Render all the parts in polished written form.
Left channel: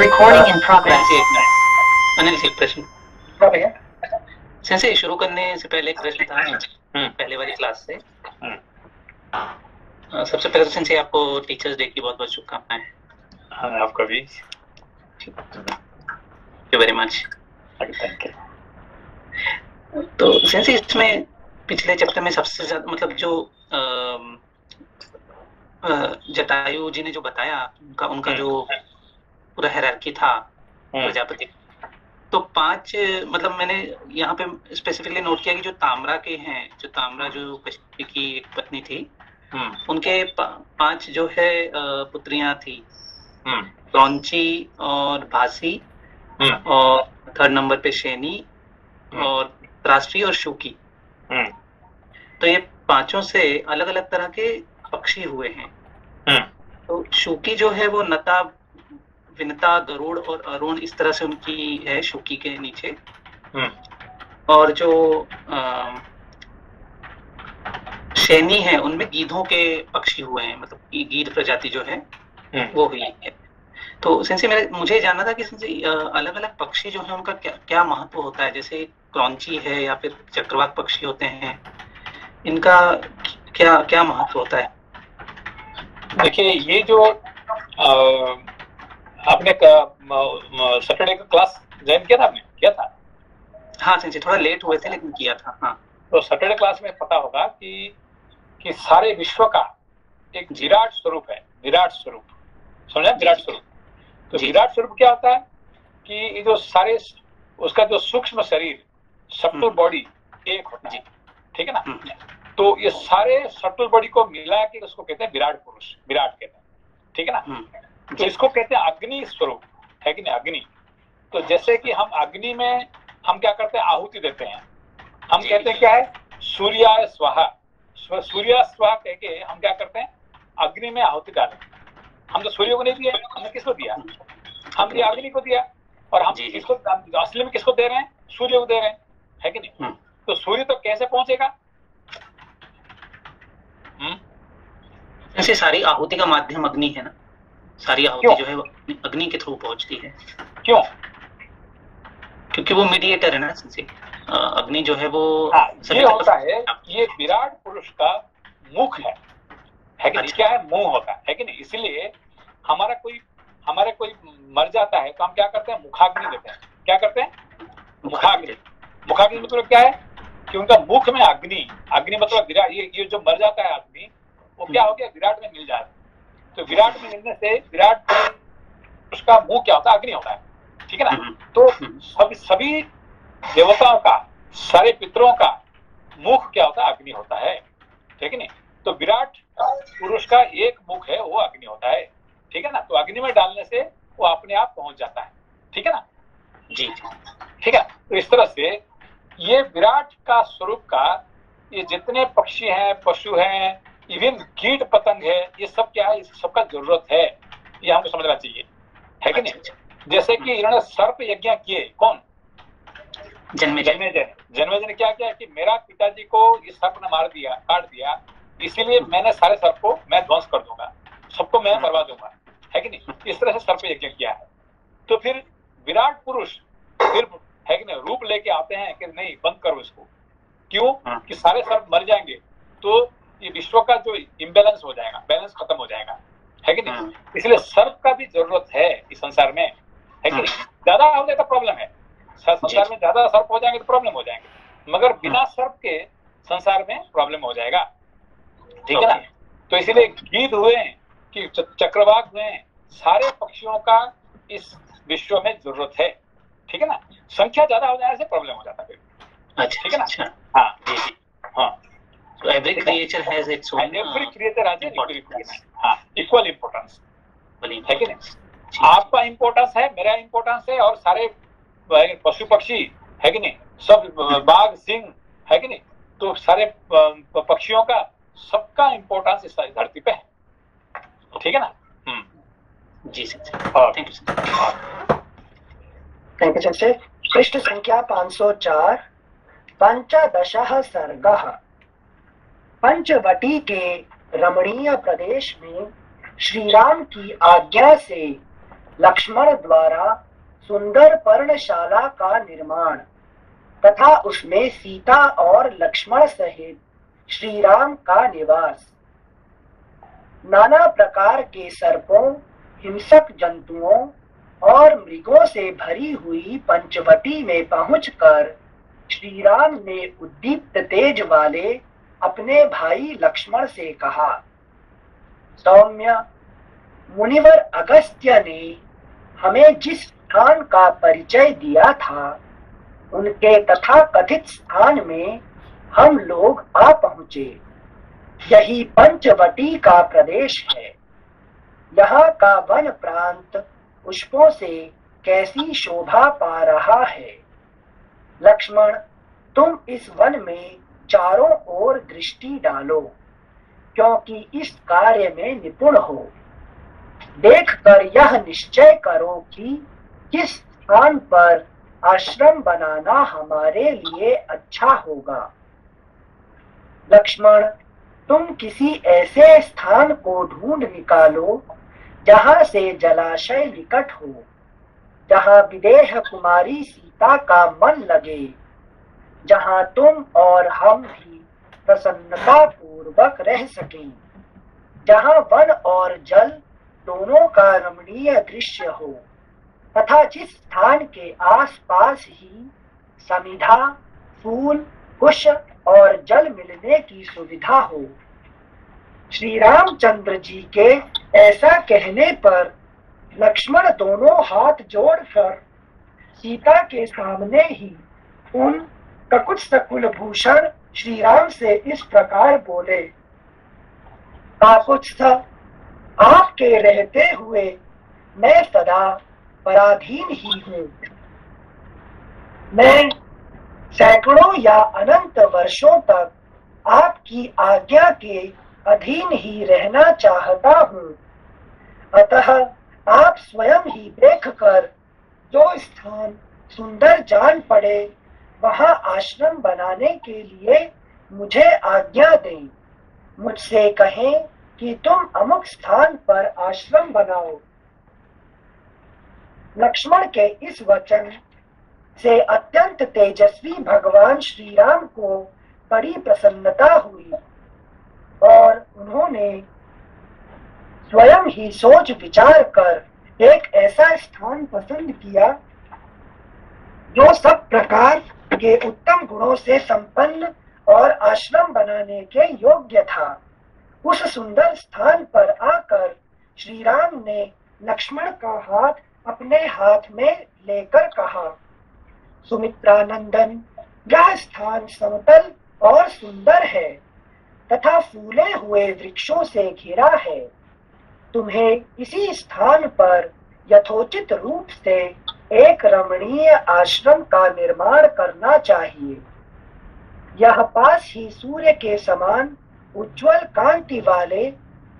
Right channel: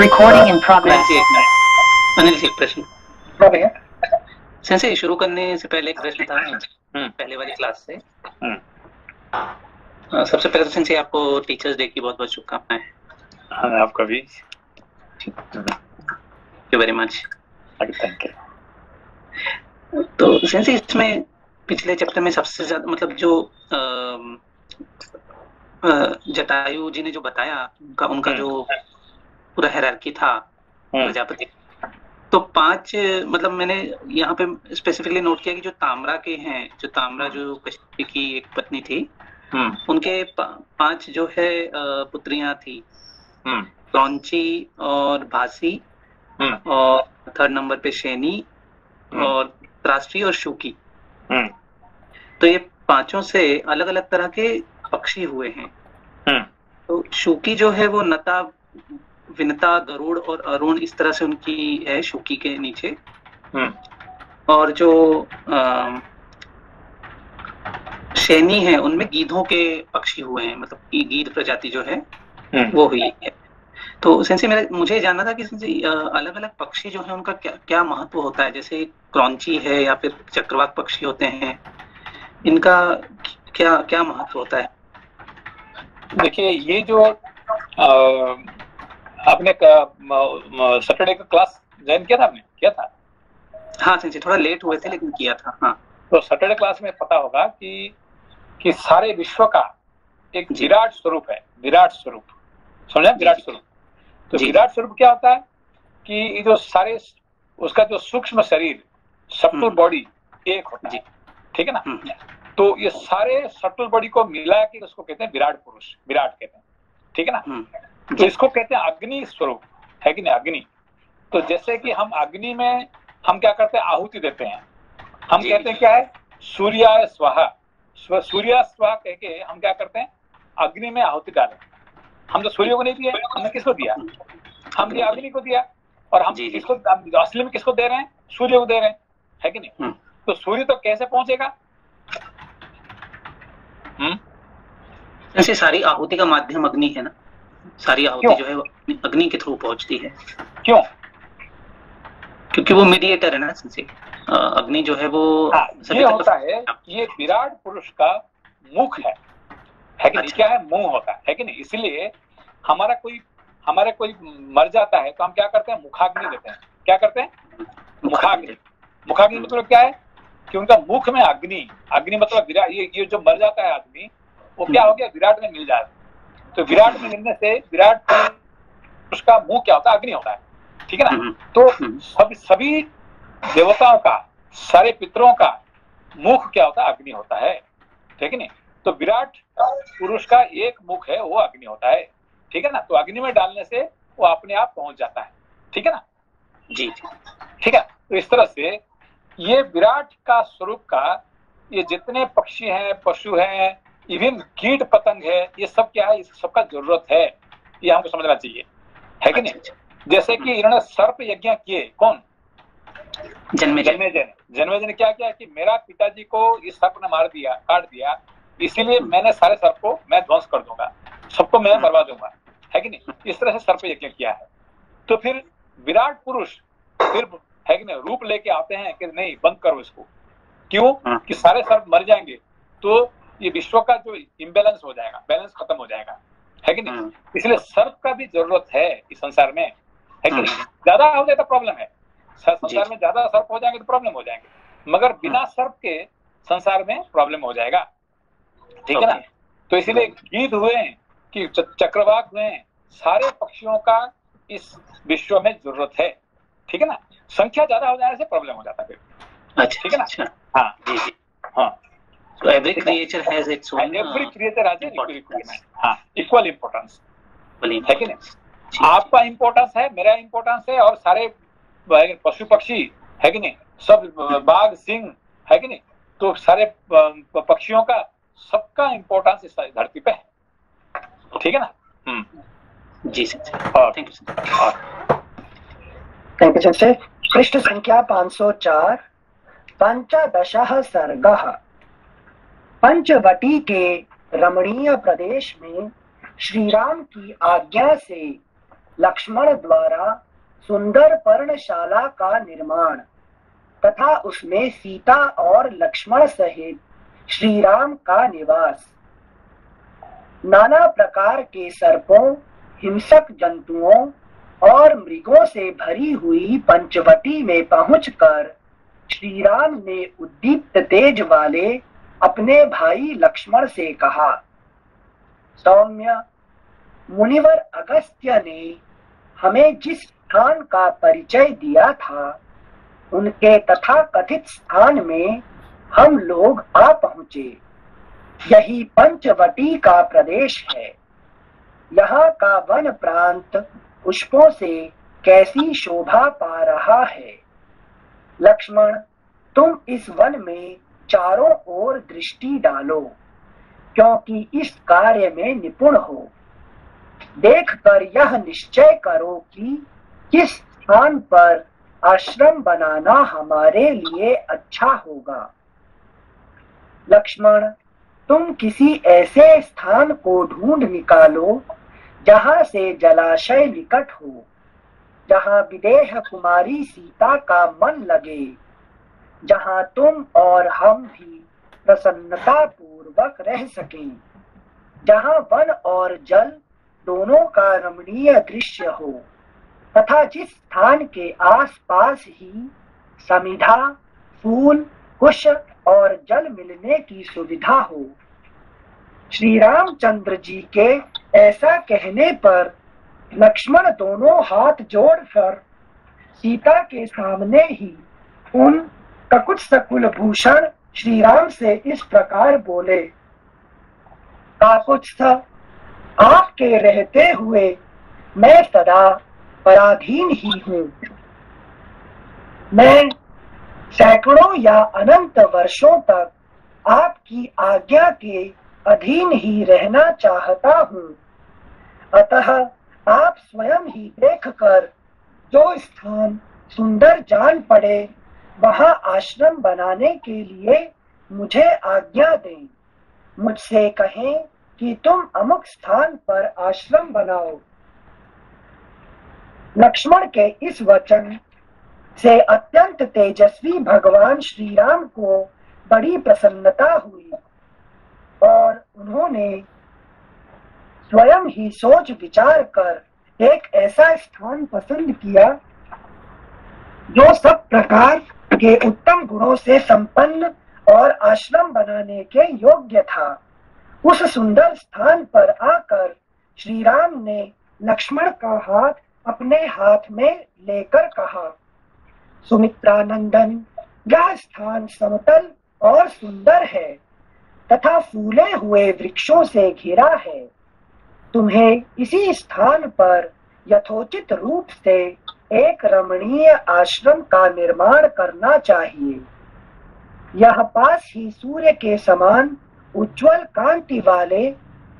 Recording in progress. Anil ji, प्रश्न भैया sense शुरू करने से पहले एक प्रश्न था पहले वाली क्लास से। सबसे पहले तो सेंसे आपको टीचर्स डे की बहुत बहुत शुभकामनाएं। हाँ, आपका भी। Thank you very much. Thank you. तो सेंसे इसमें पिछले चैप्टर में सबसे ज्यादा मतलब जो जटायु जी ने जो बताया उनका जो पूरा हायरार्की था प्रजापति, तो 5 मतलब मैंने यहाँ पे स्पेसिफिकली नोट किया कि जो ताम्रा के हैं, जो ताम्रा जो कश्यप की एक पत्नी थी, उनके 5 जो है पुत्रियां थी, क्रौंची और भासी और 3rd नंबर पे शैनी और त्राष्टी और शुकी। तो ये 5 से अलग अलग तरह के पक्षी हुए हैं। तो शुकी जो है वो नता, विनता, गरुड़ और अरुण इस तरह से उनकी है शुकी के नीचे। और जो शैनी है उनमें गीधों के पक्षी हुए हैं, मतलब गीध प्रजाति जो है वो हुई है। तो सेंसे मुझे जानना था कि अलग अलग पक्षी जो है उनका क्या क्या महत्व होता है, जैसे क्रौंची है या फिर चक्रवाक पक्षी होते हैं, इनका क्या क्या महत्व होता है? देखिए, ये जो आपने सैटरडे का क्लास ज्वाइन किया था, आपने किया था? हाँ सेंसे, थोड़ा लेट हुए थे लेकिन किया था। हाँ, तो सैटरडे क्लास में पता होगा कि सारे विश्व का एक विराट स्वरूप है। विराट स्वरूप समझा? विराट स्वरूप। तो विराट स्वरूप क्या होता है कि जो सारे उसका जो सूक्ष्म शरीर, सटल बॉडी एक होता है, ठीक है ना? तो ये सारे सटल बॉडी को मिला के उसको कहते हैं विराट पुरुष, विराट कहते हैं, ठीक है ना? तो इसको कहते हैं अग्नि स्वरूप, है कि नहीं? अग्नि। तो जैसे कि हम अग्नि में हम क्या करते हैं? आहुति देते हैं। हम कहते हैं क्या है? सूर्याय स्वाहा। सूर्या स्वाहा कह के हम क्या करते हैं? अग्नि में आहुति डालें। हम तो सूर्य को नहीं दिया, हमने किसको दिया? हमने अग्नि को दिया। और हम इसको असली में किसको दे रहे हैं? सूर्य को दे रहे हैं, है कि नहीं? तो सूर्य तो कैसे पहुंचेगा? ऐसे सारी आहुति का माध्यम अग्नि है ना, सारी आहुति जो है वो अग्नि के थ्रू पहुंचती है। क्यों? क्योंकि वो मीडिएटर है ना सेंसे। अग्नि जो है वो ये होता है, ये विराट पुरुष का मुख है कि नहीं? क्या है? मुंह होता है कि नहीं? इसलिए हमारा कोई मर जाता है तो हम क्या करते हैं? मुखाग्नि देते हैं। क्या करते हैं? मुखाग्नि। मुखाग्नि मतलब क्या है कि उनका मुख में अग्नि, अग्नि मतलब विराट, ये जो मर जाता है आदमी, वो क्या हो गया? विराट में मिल जाता है। तो विराट में मिलने से विराट उसका मुंह क्या होता है? अग्नि होता है, ठीक है ना? तो सभी देवताओं का, सारे पितरों का मुख क्या होता है? अग्नि होता है, ठीक है नहीं? तो विराट पुरुष का एक मुख है, वो अग्नि होता है, ठीक है ना? तो अग्नि में डालने से वो अपने आप पहुंच जाता है, ठीक है ना? जी, ठीक है। तो इस तरह से ये विराट का स्वरूप का ये जितने पक्षी हैं, पशु हैं, इवन कीट पतंग है, ये सब क्या है? इस सबका जरूरत है, ये हमको समझना चाहिए, है कि नहीं? जैसे कि इन्होंने सर्प यज्ञ किए, कौन? जन्मेजय ने क्या किया कि मेरा पिताजी को इस सर्प ने मार दिया, काट दिया, इसीलिए मैंने सारे सर्प को मैं ध्वंस कर दूंगा, सबको मैं मरवा दूंगा, है कि नहीं? इस तरह से सर्प यज्ञ किया है। तो फिर विराट पुरुष फिर, है कि नहीं, रूप लेके आते हैं कि नहीं, बंद करो इसको। क्यों? कि सारे सर्प मर जाएंगे तो ये विश्व का जो इम्बैलेंस हो जाएगा, बैलेंस खत्म हो जाएगा, है कि नहीं? इसलिए सर्प का भी जरूरत है इस संसार में, है कि नहीं? ज्यादा हो जाए तो प्रॉब्लम है, संसार में ज्यादा सर्प हो जाएंगे तो प्रॉब्लम हो जाएंगे, मगर बिना सर्प के संसार में प्रॉब्लम हो जाएगा, ठीक है ना? तो इसीलिए गीध हुए कि चक्रवाक हुए, सारे पक्षियों का इस विश्व में जरूरत है, ठीक है ना? संख्या ज्यादा हो जाने से प्रॉब्लम हो जाता है फिर, ठीक है ना? हाँ जी, हाँ। So every creature has its own, every creature has equal importance, है कि नहीं? आपका इम्पोर्टेंस है, मेरा इम्पोर्टेंस है, और सारे पशु पक्षी, है कि नहीं, सब बाघ सिंह, है कि नहीं? तो सारे पक्षियों का, सबका इम्पोर्टेंस इस धरती पे है, ठीक है ना? जी सर, थैंक यू सर। पृष्ठ संख्या 504, 15 सर्गः। पंचवटी के रमणीय प्रदेश में श्री राम की आज्ञा से लक्ष्मण द्वारा सुंदर पर्णशाला का निर्माण तथा उसमें सीता और लक्ष्मण सहित श्री राम का निवास। नाना प्रकार के सर्पों, हिंसक जंतुओं और मृगों से भरी हुई पंचवटी में पहुंचकर श्री राम ने उद्दीप्त तेज वाले अपने भाई लक्ष्मण से कहा, सौम्य, मुनिवर अगस्त्य ने हमें जिस स्थान का परिचय दिया था उनके तथा कथित स्थान में हम लोग आ पहुंचे। यही पंचवटी का प्रदेश है। यहाँ का वन प्रांत पुष्पों से कैसी शोभा पा रहा है। लक्ष्मण, तुम इस वन में चारों ओर दृष्टि डालो, क्योंकि इस कार्य में निपुण हो। देखकर यह निश्चय करो कि किस स्थान पर आश्रम बनाना हमारे लिए अच्छा होगा। लक्ष्मण, तुम किसी ऐसे स्थान को ढूंढ निकालो जहाँ से जलाशय निकट हो, जहाँ विदेह कुमारी सीता का मन लगे, जहाँ तुम और हम भी प्रसन्नता पूर्वक रह सकें, जहाँ वन और जल दोनों का रमणीय दृश्य हो तथा जिस स्थान के आसपास ही समिधा, फूल, कुश और जल मिलने की सुविधा हो। श्री रामचंद्र जी के ऐसा कहने पर लक्ष्मण दोनों हाथ जोड़कर सीता के सामने ही उन ककुट सकुल भूषण श्री राम से इस प्रकार बोले, काकुत्स्थ, आपके रहते हुए मैं सदा पराधीन ही हूँ। मैं सैकड़ों या अनंत वर्षों तक आपकी आज्ञा के अधीन ही रहना चाहता हूँ। अतः आप स्वयं ही देखकर जो स्थान सुंदर जान पड़े वहाँ आश्रम बनाने के लिए मुझे आज्ञा दें। मुझसे कहें कि तुम अमुक स्थान पर आश्रम बनाओ। लक्ष्मण के इस वचन से अत्यंत तेजस्वी भगवान श्री राम को बड़ी प्रसन्नता हुई और उन्होंने स्वयं ही सोच विचार कर एक ऐसा स्थान पसंद किया जो सब प्रकार के उत्तम गुणों से संपन्न और आश्रम बनाने के योग्य था। उस सुंदर स्थान पर आकर श्री राम ने लक्ष्मण का हाथ अपने हाथ में लेकर कहा, सुमित्रानंदन, यह स्थान समतल और सुंदर है तथा फूले हुए वृक्षों से घिरा है। तुम्हें इसी स्थान पर यथोचित रूप से एक रमणीय आश्रम का निर्माण करना चाहिए। यह पास ही सूर्य के समान उज्ज्वल कांति वाले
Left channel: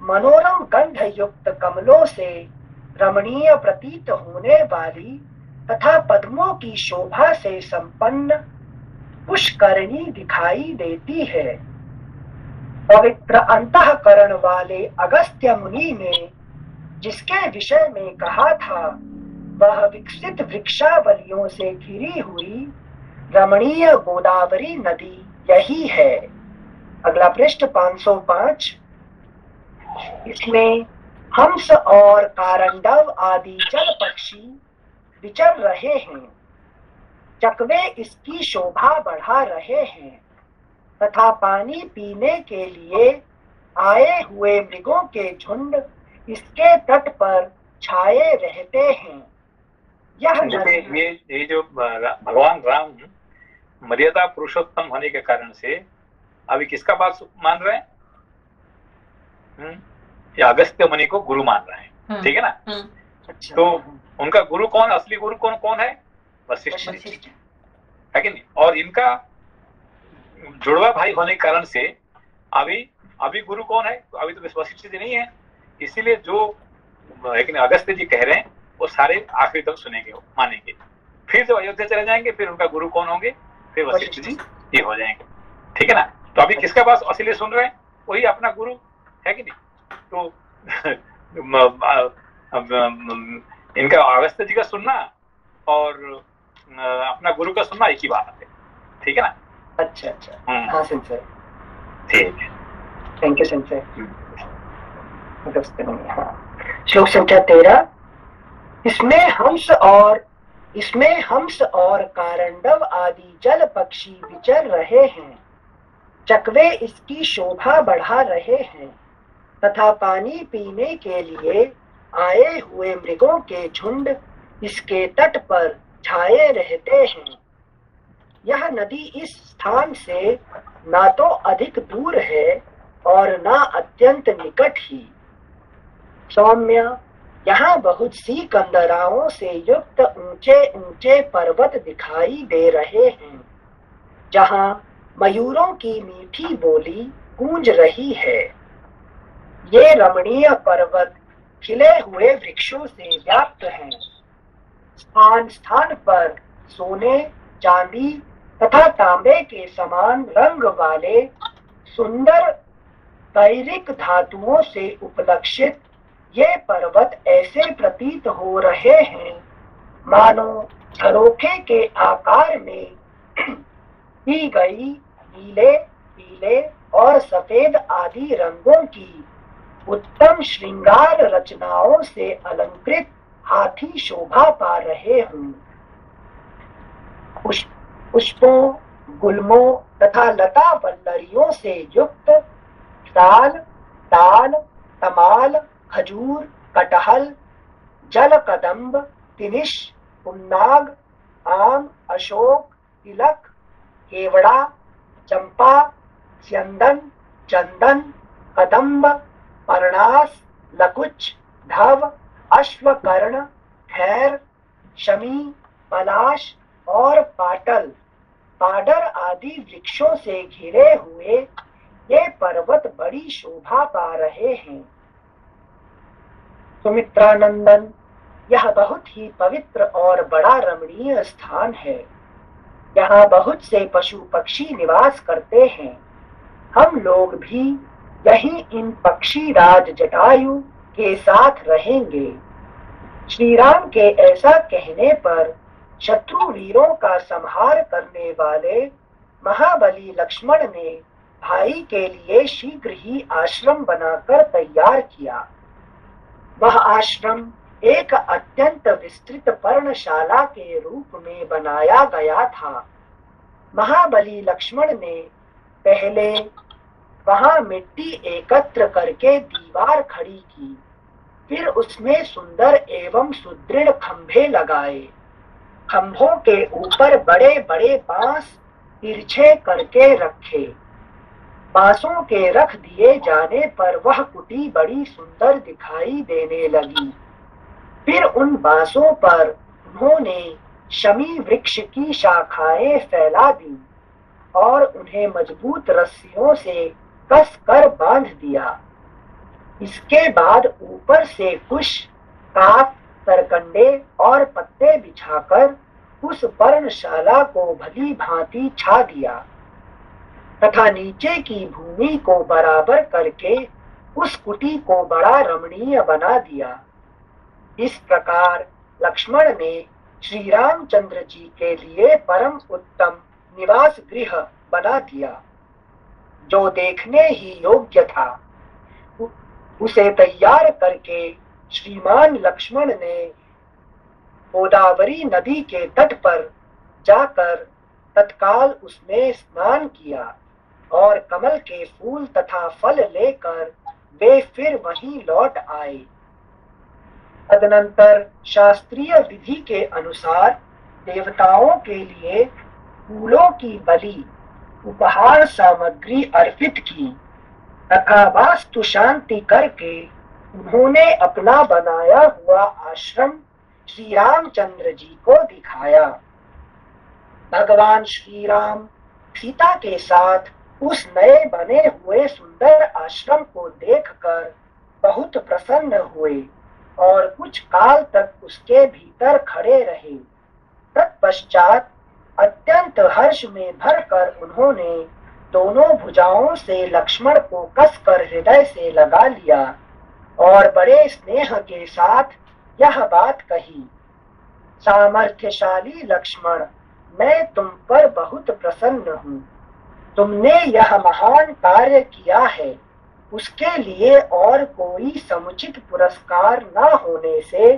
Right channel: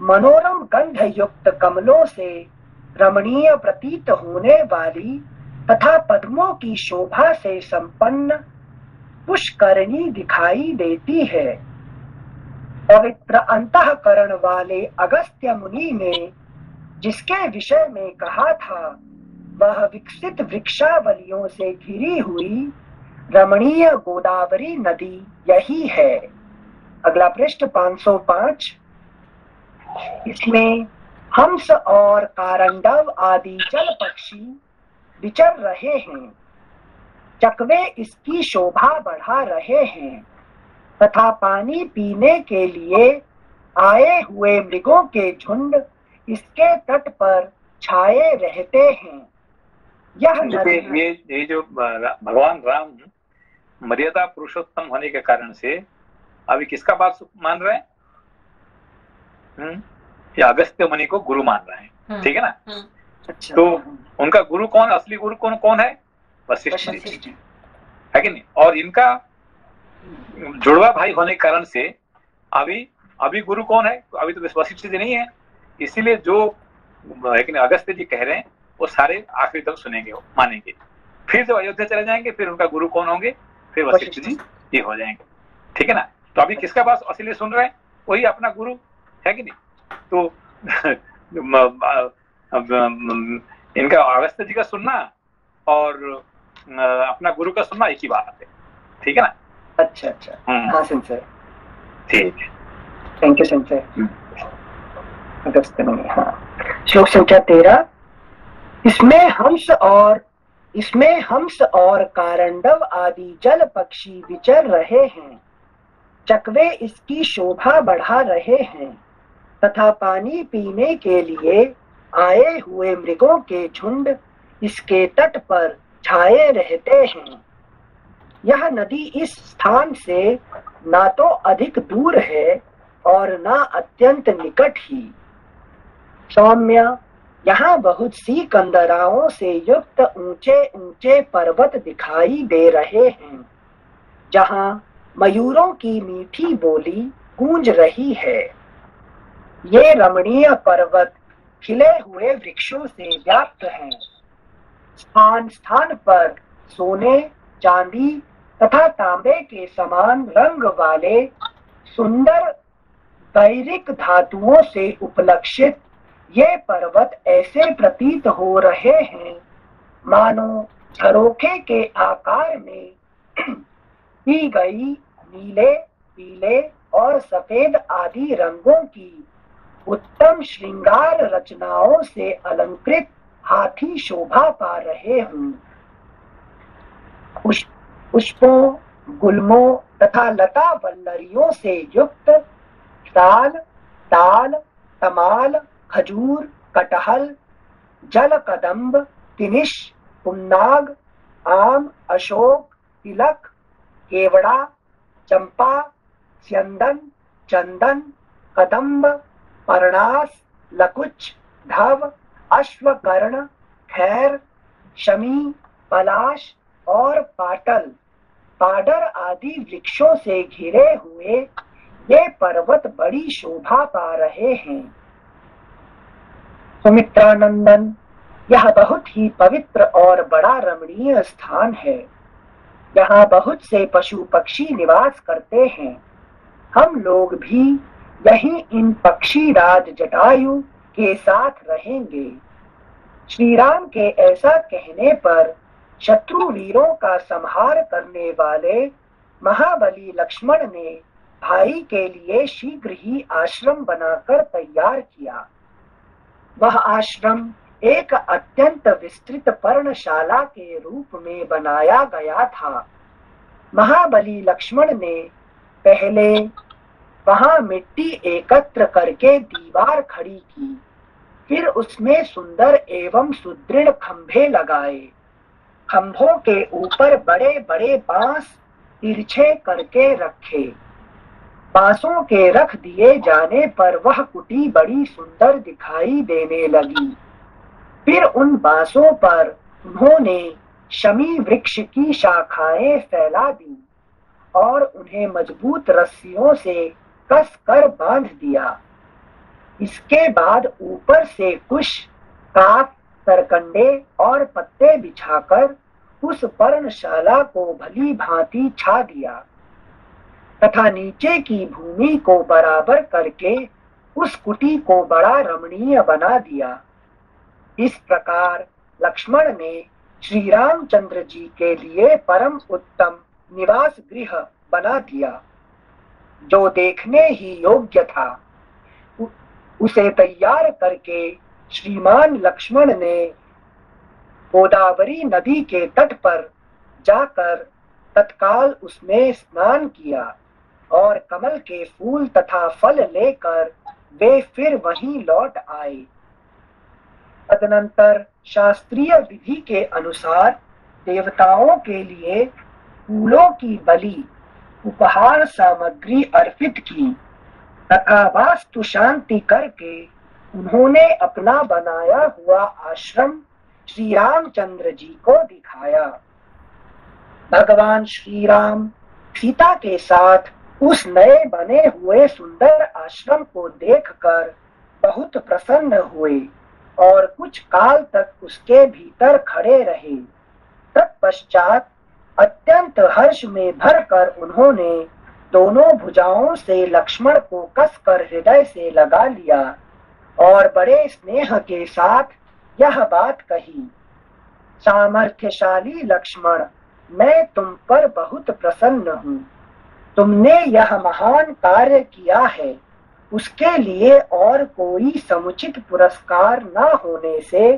मनोरम गंध युक्त कमलों से रमणीय प्रतीत होने वाली तथा पद्मों की शोभा से संपन्न पुष्करणी दिखाई देती है। पवित्र अंतःकरण वाले अगस्त्य मुनि ने जिसके विषय में कहा था वह विकसित वृक्षावलियों से घिरी हुई रमणीय गोदावरी नदी यही है। अगला पृष्ठ 505। इसमें हंस और कारंडव आदि जल पक्षी विचर रहे हैं। चकवे इसकी शोभा बढ़ा रहे हैं तथा पानी पीने के लिए आए हुए मृगों के झुंड इसके तट पर छाए रहते हैं। ये जो भगवान राम मर्यादा पुरुषोत्तम होने के कारण से अभी किसका बात मान रहे हैं? ये अगस्त्य मुनि को गुरु मान रहे हैं, ठीक है ना? अच्छा। तो उनका गुरु कौन, असली गुरु कौन है? वशिष्ठ जी, है कि नहीं? और इनका जुड़वा भाई होने के कारण से अभी गुरु कौन है? अभी तो वशिष्ठ जी नहीं है। इसीलिए जो अगस्त्य जी कह रहे हैं वो सारे आखिरी तक सुनेंगे, मानेंगे। फिर जब अयोध्या चले जाएंगे फिर उनका गुरु कौन होंगे? फिर वशिष्ठ जी ये हो जाएंगे, ठीक है ना? तो अभी किसका बात असली सुन रहे हैं? वही अपना गुरु, है कि नहीं? तो इनका अगस्त्य जी का सुनना और अपना गुरु का सुनना एक ही बात है, ठीक है ना? अच्छा अच्छा, हाँ सेंसर, ठीक है, थैंक यू सेंसर। अगस्त्य मुनि, हाँ। श्लोक संख्या 13। इसमें हंस और कारंडव आदि जल पक्षी विचर रहे हैं, चकवे इसकी शोभा बढ़ा रहे हैं तथा पानी पीने के लिए आए हुए मृगों के झुंड इसके तट पर छाए रहते हैं। यह नदी इस स्थान से ना तो अधिक दूर है और ना अत्यंत निकट ही। सौम्य, यहाँ बहुत सी कंदराओं से युक्त ऊंचे ऊंचे पर्वत दिखाई दे रहे हैं, जहाँ मयूरों की मीठी बोली गूंज रही है। ये रमणीय पर्वत खिले हुए वृक्षों से व्याप्त हैं। स्थान स्थान पर सोने, चांदी तथा तांबे के समान रंग वाले सुंदर पैरिक धातुओं से उपलक्षित ये पर्वत ऐसे प्रतीत हो रहे हैं मानो झरोखे के आकार में की गई नीले, पीले और सफेद आदि रंगों की उत्तम श्रृंगार रचनाओं से अलंकृत हाथी शोभा पा रहे हूँ। पुष्पों, गुल्मों तथा लता वल्लरियों से युक्त साल, ताल, तमाल, खजूर, कटहल, जल कदम्ब, तिनिश, पुन्नाग, आम, अशोक, तिलक, केवड़ा, चंपा, स्यंदन, चंदन, कदम्ब, परणास, लकुच, धव, अश्वकर्ण, खैर, शमी, पलाश और पाडर आदि वृक्षों से घिरे हुए ये पर्वत बड़ी शोभा पा रहे हैं। सुमित्रानंदन, यह बहुत ही पवित्र और बड़ा रमणीय स्थान है। यहाँ बहुत से पशु पक्षी निवास करते हैं। हम लोग भी यहीं इन पक्षी राज जटायु के साथ रहेंगे। श्री राम के ऐसा कहने पर शत्रु वीरों का संहार करने वाले महाबली लक्ष्मण ने भाई के लिए शीघ्र ही आश्रम बनाकर तैयार किया। वह आश्रम एक अत्यंत विस्तृत पर्णशाला के रूप में बनाया गया था। महाबली लक्ष्मण ने पहले वहां मिट्टी एकत्र करके दीवार खड़ी की, फिर उसमें सुंदर एवं सुदृढ़ खंभे लगाए। खंभों के ऊपर बड़े बड़े बांस तिरछे करके रखे। बांसों के रख दिए जाने पर वह कुटी बड़ी सुंदर दिखाई देने लगी। फिर उन बांसों पर उन्होंने शमी वृक्ष की शाखाएं फैला दी और उन्हें मजबूत रस्सियों से कस कर बांध दिया। इसके बाद ऊपर से कुश, काफ, सरकंडे और पत्ते बिछाकर उस पर्णशाला को भली भांति छा दिया तथा नीचे की भूमि को बराबर करके उस कुटी को बड़ा रमणीय बना दिया। इस प्रकार लक्ष्मण ने श्री रामचंद्र जी के लिए परम उत्तम निवास गृह बना दिया, जो देखने ही योग्य था। उसे तैयार करके श्रीमान लक्ष्मण ने गोदावरी नदी के तट पर जाकर तत्काल उसमें स्नान किया और कमल के फूल तथा फल लेकर वे फिर वहीं लौट आए। तदनंतर शास्त्रीय विधि के अनुसार देवताओं के लिए फूलों की बलि, उपहार सामग्री अर्पित की तथा वास्तु शांति करके उन्होंने अपना बनाया हुआ आश्रम श्री रामचंद्र जी को दिखाया। भगवान श्री राम सीता के साथ उस नए बने हुए सुंदर आश्रम को देखकर बहुत प्रसन्न हुए और कुछ काल तक उसके भीतर खड़े रहे। तत्पश्चात अत्यंत हर्ष में भरकर उन्होंने दोनों भुजाओं से लक्ष्मण को कसकर हृदय से लगा लिया और बड़े स्नेह के साथ यह बात कही। सामर्थ्यशाली लक्ष्मण, मैं तुम पर बहुत प्रसन्न हूँ। तुमने यह महान कार्य किया है, उसके लिए और कोई समुचित पुरस्कार न होने से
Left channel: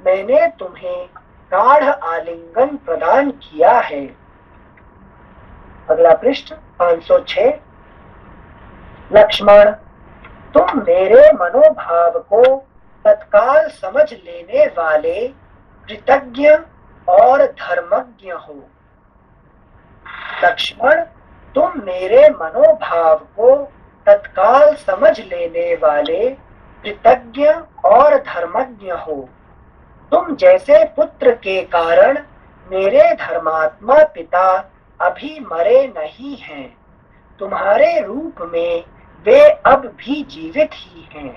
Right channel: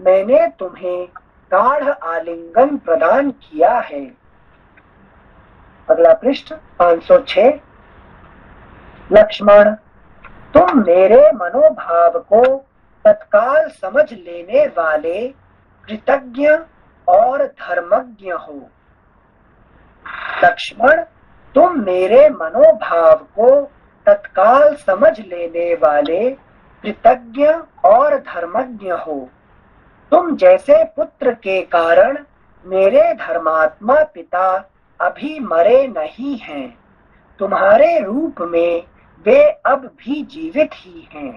मैंने तुम्हें गाढ़ आलिंगन प्रदान किया है। अगला पृष्ठ 506। लक्ष्मण, तुम मेरे मनोभाव को तत्काल समझ लेने वाले कृतज्ञ और धर्मज्ञ हो। लक्ष्मण, तुम मेरे मनोभाव को तत्काल समझ लेने वाले कृतज्ञ और धर्मज्ञ हो। तुम जैसे पुत्र के कारण मेरे धर्मात्मा पिता अभी मरे नहीं हैं। तुम्हारे रूप में वे अब भी जीवित ही हैं।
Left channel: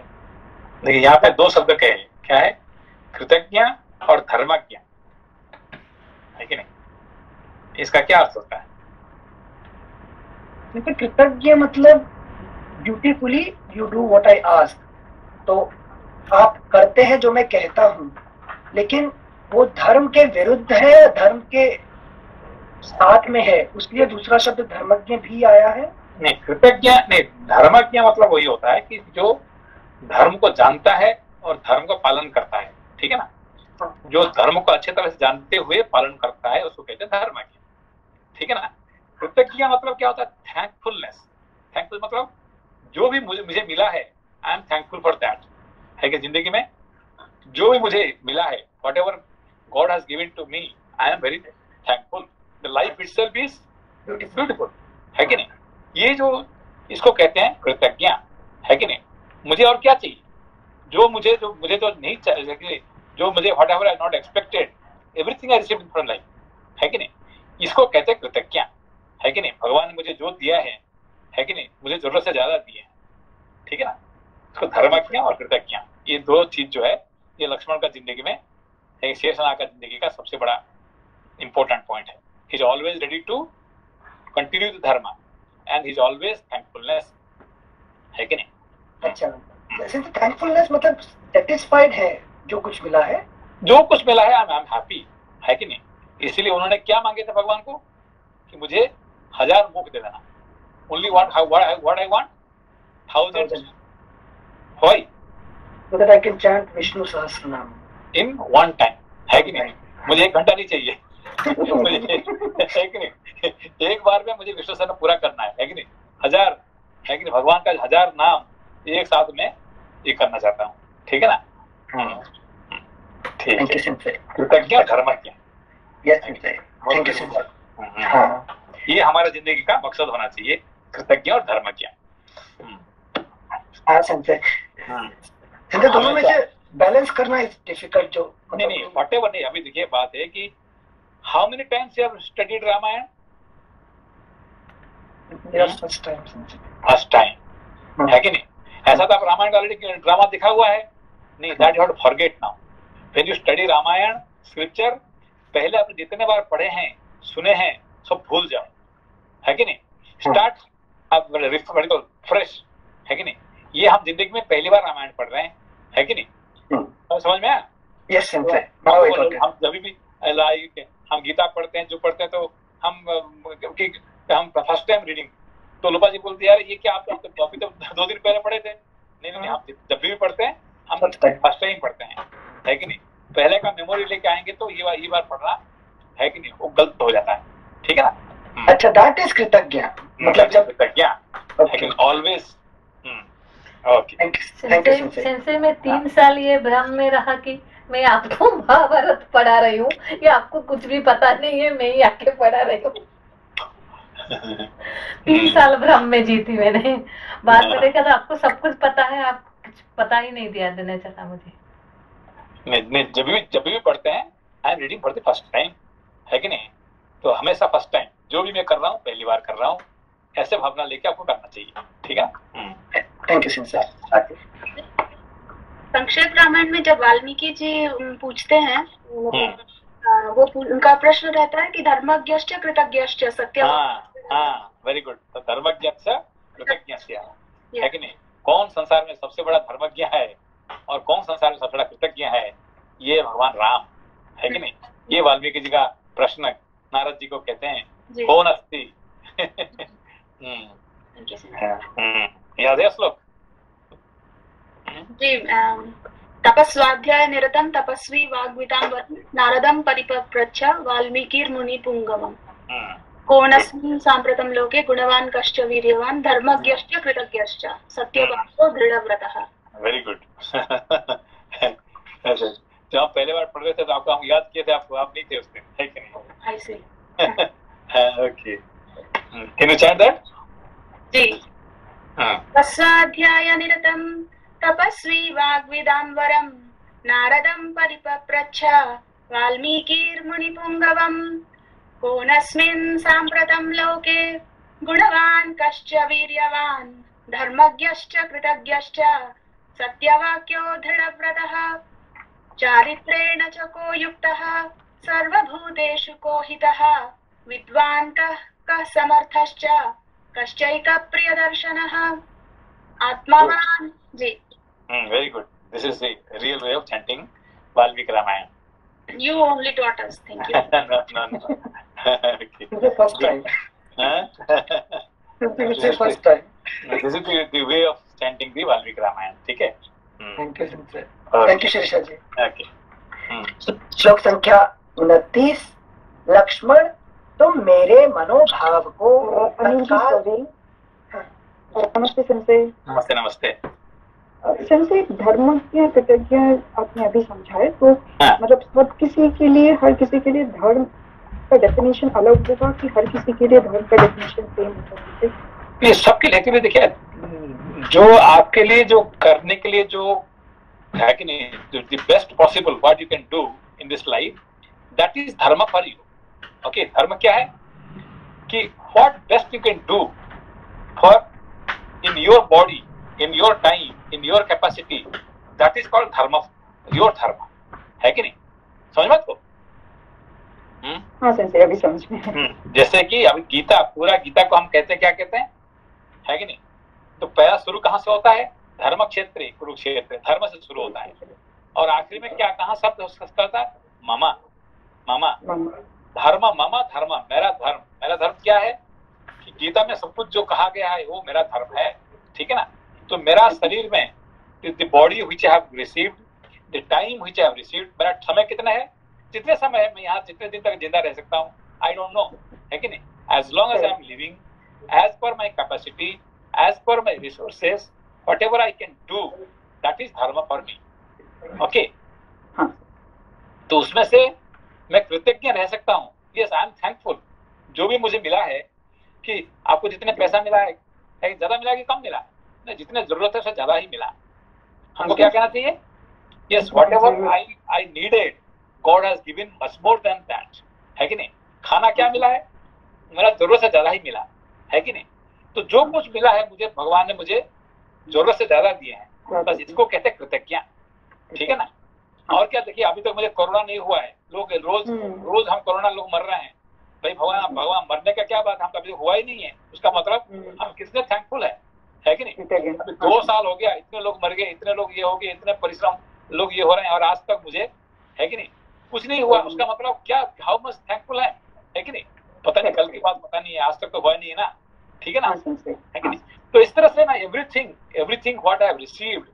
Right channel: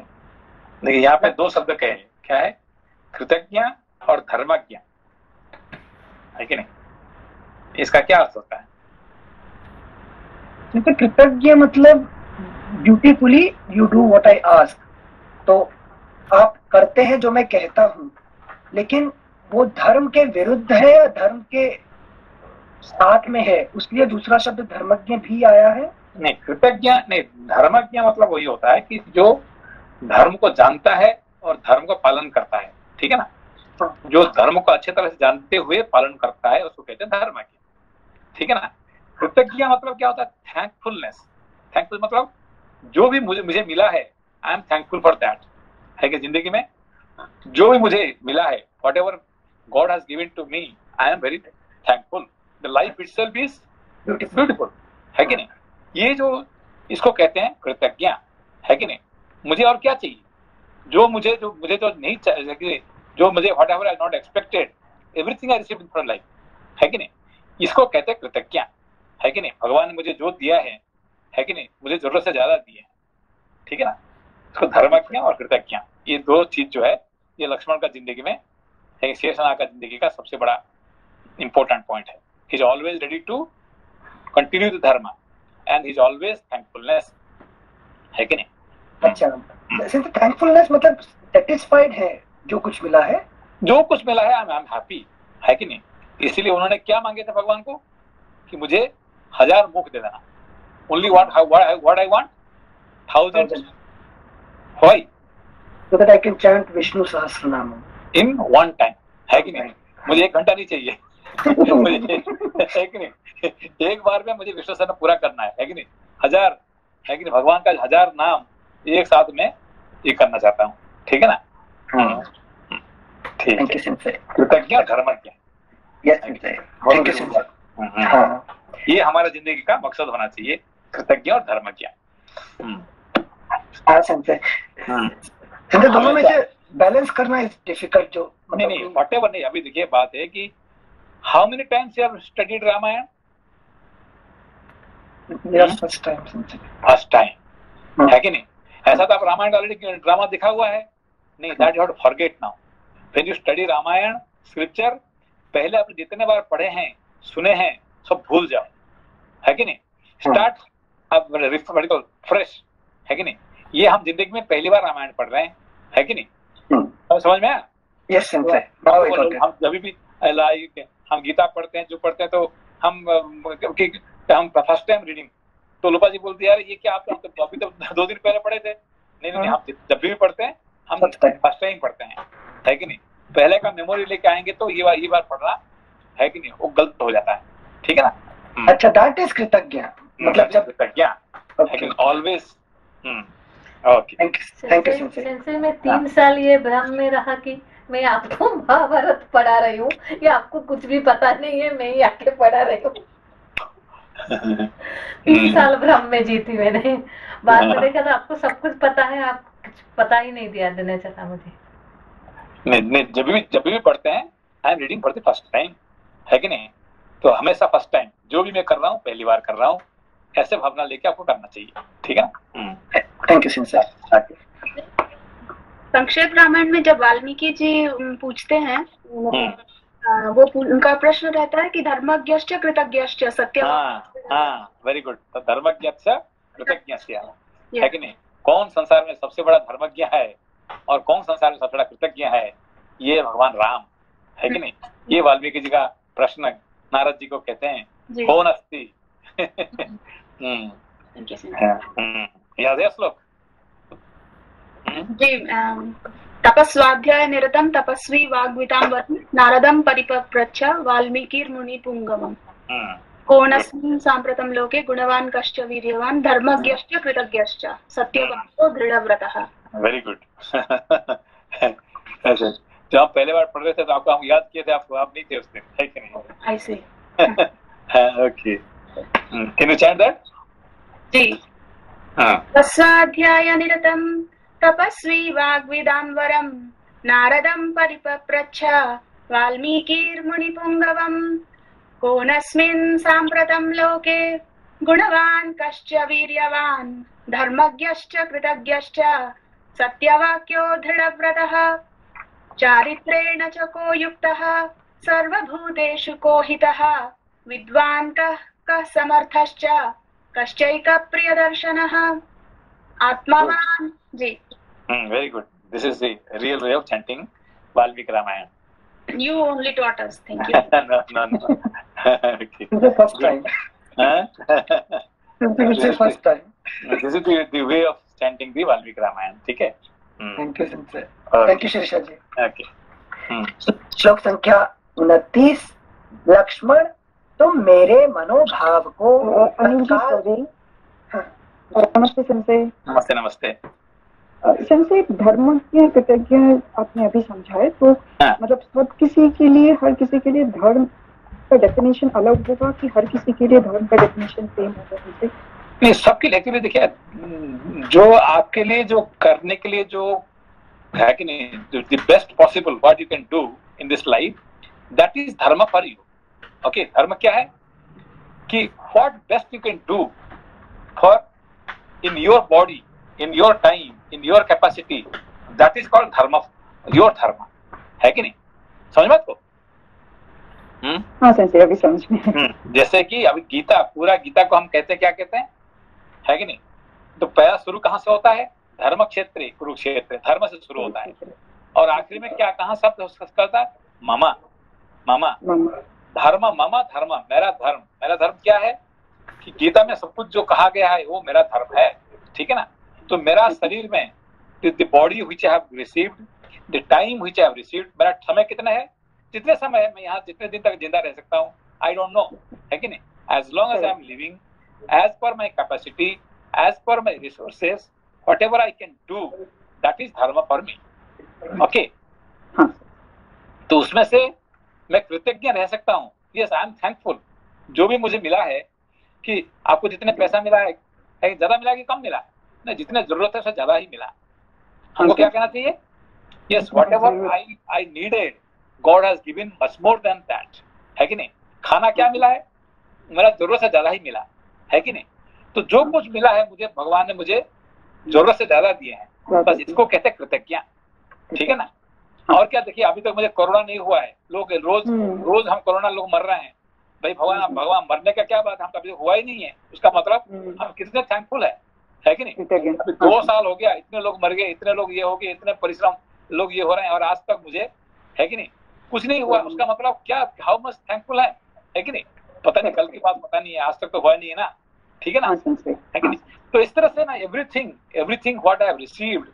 देखिए यहाँ पे दो शब्द कहे, क्या है? कृतज्ञ और धर्मज्ञ, है कि नहीं? इसका क्या अर्थ होता है? कृतज्ञ मतलब dutifully you do what I ask, तो आप करते हैं जो मैं कहता हूँ। लेकिन वो धर्म के विरुद्ध है या धर्म के साथ में है, उसलिए दूसरा शब्द धर्मज्ञ भी आया है। नहीं, कृतज्ञ नहीं, धर्मज्ञ मतलब वही होता है कि जो धर्म को जानता है और धर्म का पालन करता है, ठीक है ना? जो धर्म को अच्छे तरह से जानते हुए पालन करता है उसको कहते हैं धर्मज्ञ, ठीक है ना? कृतज्ञ मतलब क्या होता है? थैंकफुलनेस। थैंकफुल मतलब जो भी मुझे मिला है, I am thankful for that, है कि जिंदगी में जो भी मुझे मिला है, whatever God has given to me, I am very thankful. The life itself is beautiful, है कि नहीं? ये जो इसको कहते हैं कृतज्ञ, है कि नहीं? मुझे और क्या चाहिए? जो मुझे तो नहीं चाहिए, जो मुझे what ever I not expected, everything I received from life, है कि नहीं? इसको कहते हैं कृतज्ञ, है कि नहीं? भगवान ने मुझे जो दिया है कि नहीं? मुझे जरूरत से ज्यादा दिए है, ठीक है ना? इसको धर्मज्ञ और कृतज्ञ, ये दो चीज जो है, ये लक्ष्मण का जिंदगी में, शेषनाग का जिंदगी का सबसे बड़ा इंपॉर्टेंट पॉइंट है। He is always ready to continue the dharma and he is always thankfulness, है कि नहीं? अच्छा, जैसे थैंकफुलनेस मतलब सेटिस्फाइड है जो कुछ मिला है, जो कुछ मिला है आई एम हैप्पी, है कि नहीं? इसीलिए उन्होंने क्या मांगे थे भगवान को कि मुझे 1000 मुख दे देना। Only what I want 1000 why? so that I can chant Vishnu Sahasranama in one time, है कि नहीं? मुझे 1 घंटा नहीं चाहिए मुझे, है कि नहीं? एक बार में मुझे विष्णु सहस्रनाम पूरा करना है कि नहीं? 1000, है कि नहीं? भगवान का 1000 नाम एक साथ में ये करना चाहता हूँ, ठीक है ना? ठीक है, कृतज्ञ धर्मज्ञ, ये हमारा जिंदगी का मकसद होना चाहिए, कृतज्ञ और धर्मज्ञ। दोनों में से बैलेंस करना इज डिफिकल्ट। जो नहीं व्हाटएवर नहीं, अभी देखिए बात है कि how many times you have studied Ramayan? First time, है कि नहीं? ऐसा तो आप रामायण का ऑलरेडी ड्रामा दिखा हुआ है, नहीं, that you have to forget now. When you study Ramayan scripture, पहले आपने जितने बार पढ़े हैं, सुने हैं, सब भूल जाओ, है कि नहीं? स्टार्ट अब फ्रेश, है कि नहीं? ये हम जिंदगी में पहली बार रामायण पढ़ रहे हैं, है कि नहीं? समझ में आया? यस, हम जब भी हम गीता पढ़ते हैं, जो पढ़ते हैं, तो हम फर्स्ट टाइम रीडिंग, तो लोपा जी बोलती है यार ये क्या, आप तो अभी तो 2 दिन पहले पढ़े थे। नहीं, हम जब भी पढ़ते हैं हम फर्स्ट टाइम पढ़ते हैं, है कि नहीं? पहले का मेमोरी लेके आएंगे तो ये बार पढ़ना, है कि नहीं, वो गलत हो जाता है, ठीक है ना? अच्छा, दैट इज कृतज्ञ, मतलब जब कृतज्ञ ऑलवेज। ओके, सेंसे में 3 साल ये भ्रम में रहा कि मैं आपको महाभारत पढ़ा रही हूँ, या आपको कुछ भी पता नहीं है, मैं ही आके पढ़ा रही हूँ। 3 साल भ्रम में जीती मैंने। बाद में देखा तो आपको सब कुछ पता है, आप कुछ पता ही नहीं दिया देने चला मुझे। नहीं, जब भी पढ़ते हैं, I am reading for the first time, है कि नहीं? तो हमेशा फर्स्ट टाइम, जो भी मैं कर रहा हूँ पहली बार कर रहा हूँ, ऐसे भावना लेके आपको करना चाहिए, ठीक है? Thank you sir. संक्षेप रामायण में जब वाल्मीकि जी पूछते हैं, वो उनका प्रश्न रहता है कि धर्मज्ञश्च कृतज्ञश्च सत्य। Very good. तो धर्मज्ञश्च कृतज्ञश्च, है कि नहीं? कौन संसार में सबसे बड़ा धर्मज्ञ है और कौन संसार में सबसे बड़ा कृतज्ञ है, ये भगवान राम है कि नहीं? ये वाल्मीकि जी का प्रश्न नारद जी को कहते हैं, कौन अस्ति? याद है श्लोक जी? तपस्वाध्याय निरतम तपस्वी वाग्वितांबरं नारदं परिपप्रच्छ वाल्मीकिर्मुनि पुंगवम् कोनस्मिन् साम्प्रतं लोके गुणवान् कश्च वीर्यवान् धर्मज्ञश्च कृतज्ञश्च सत्यवाक्यो दृढव्रतः। Very good. जब आप पहले बार पढ़ रहे थे तो आपको हम याद किए थे, आपको आप नहीं थे उस दिन, है कि नहीं? I see. Okay, can you chant that? जी। तपस्वाध्याय निरतं तपस्वी वाग्विदाम्बरं नारदं परिपप्रच्छ वाल्मीकिर्मुनिपुङ्गवम् कोनस्मिन् साम्प्रतं लोके गुणवान् कश्च वीर्यवान् धर्मज्ञश्च कृतज्ञश्च सत्यवाक्यो दृढव्रतः चारित्रेण च को युक्तः सर्वभूतेषु को हितः विद्वान् कः समर्थश्च कश्चैकप्रियदर्शनः आत्मावान्। जी, very good. This is the real way of chanting Valmiki Ramayana. You only taught us. Thank you. No. Okay. This is the first time. This is the first time. This is the way of chanting the Valmiki Ramayana. ठीक है? Thank you, Sensei. Thank you, Shirisha ji. Okay. श्लोक संख्या 29। लक्ष्मण, तुम मेरे मनोभाव को तत्काल। नमस्ते सेंसे। नमस्ते नमस्ते। सेंसे, धर्म की कृतज्ञ आपने अभी समझाए, तो मतलब सब किसी के लिए, हर किसी के लिए धर्म का डेफिनेशन अलग होगा कि हर किसी के लिए धर्म का डेफिनेशन सेम होगा? नहीं, सबके लिए एक्चुअली देखिए, जो आपके लिए जो करने के लिए जो है कि नहीं, the best possible what you can do in this life, that is dharma for you. Okay, धर्म क्या है कि what best you can do for in your body, in your time, in your capacity, that is called dharma, your dharma, है कि नहीं? समझ में आपको? हाँ सेंसे, अभी समझ में। जैसे कि अभी गीता, पूरा गीता को हम कहते हैं, क्या कहते हैं, है कि नहीं? तो पहला शुरू कहाँ से होता है? धर्म क्षेत्र, कुरुक्षेत्र, धर्म से शुरू होता है, और आखिरी में क्या, कहाँ शब्द करता है? ममा, ममा, धर्म, ममा धर्म, मेरा धर्म। मेरा धर्म क्या है कि गीता में सब कुछ जो कहा गया है वो मेरा धर्म है, ठीक है ना? तो मेरा शरीर में the body which I have received, the time which I have received, मेरा समय कितना है, जितने समय है मैं यहाँ जितने दिन तक जिंदा रह सकता हूँ, आई डोंट नो, है कि नहीं? As long as I am living, as per my capacity, as per my resources, whatever I can do, that is dharma for me. Okay, तो उसमें से मैं कृतज्ञ रह सकता हूँ। Yes, I am thankful. जो भी मुझे मिला है, कि आपको जितने पैसा मिला है ज्यादा मिला कि कम मिला, नहीं, जितने जरूरत है उससे ज्यादा ही मिला। हमको क्या कहना चाहिए? Yes, whatever I needed, God has given much more than that, है कि नहीं? खाना क्या मिला है? मेरा जरूरत से ज्यादा ही मिला, है कि नहीं? तो जो कुछ मिला है मुझे, भगवान ने मुझे जरूरत से ज्यादा दिए हैं, बस इसको कहते हैं कृतज्ञ, ठीक है ना? और क्या, देखिए अभी तक मुझे कोरोना नहीं हुआ है, लोग रोज हम कोरोना लोग मर रहे हैं, भाई भगवान मरने का क्या बात, हम कभी हुआ ही नहीं है, उसका मतलब हम कितने थैंकफुल है कि नहीं? अभी 2 साल हो गया, इतने लोग मर गए, इतने लोग ये हो गए, इतने परिश्रम लोग ये हो रहे हैं, और आज तक मुझे, है कि नहीं, कुछ नहीं हुआ। उसका मतलब क्या, हाउ मच थैंकफुल है कि नहीं? पता नहीं, कल की बात पता नहीं है, आज तक तो हुआ नहीं है ना, ठीक है ना, है कि नहीं? तो इस तरह से ना, everything what I have received,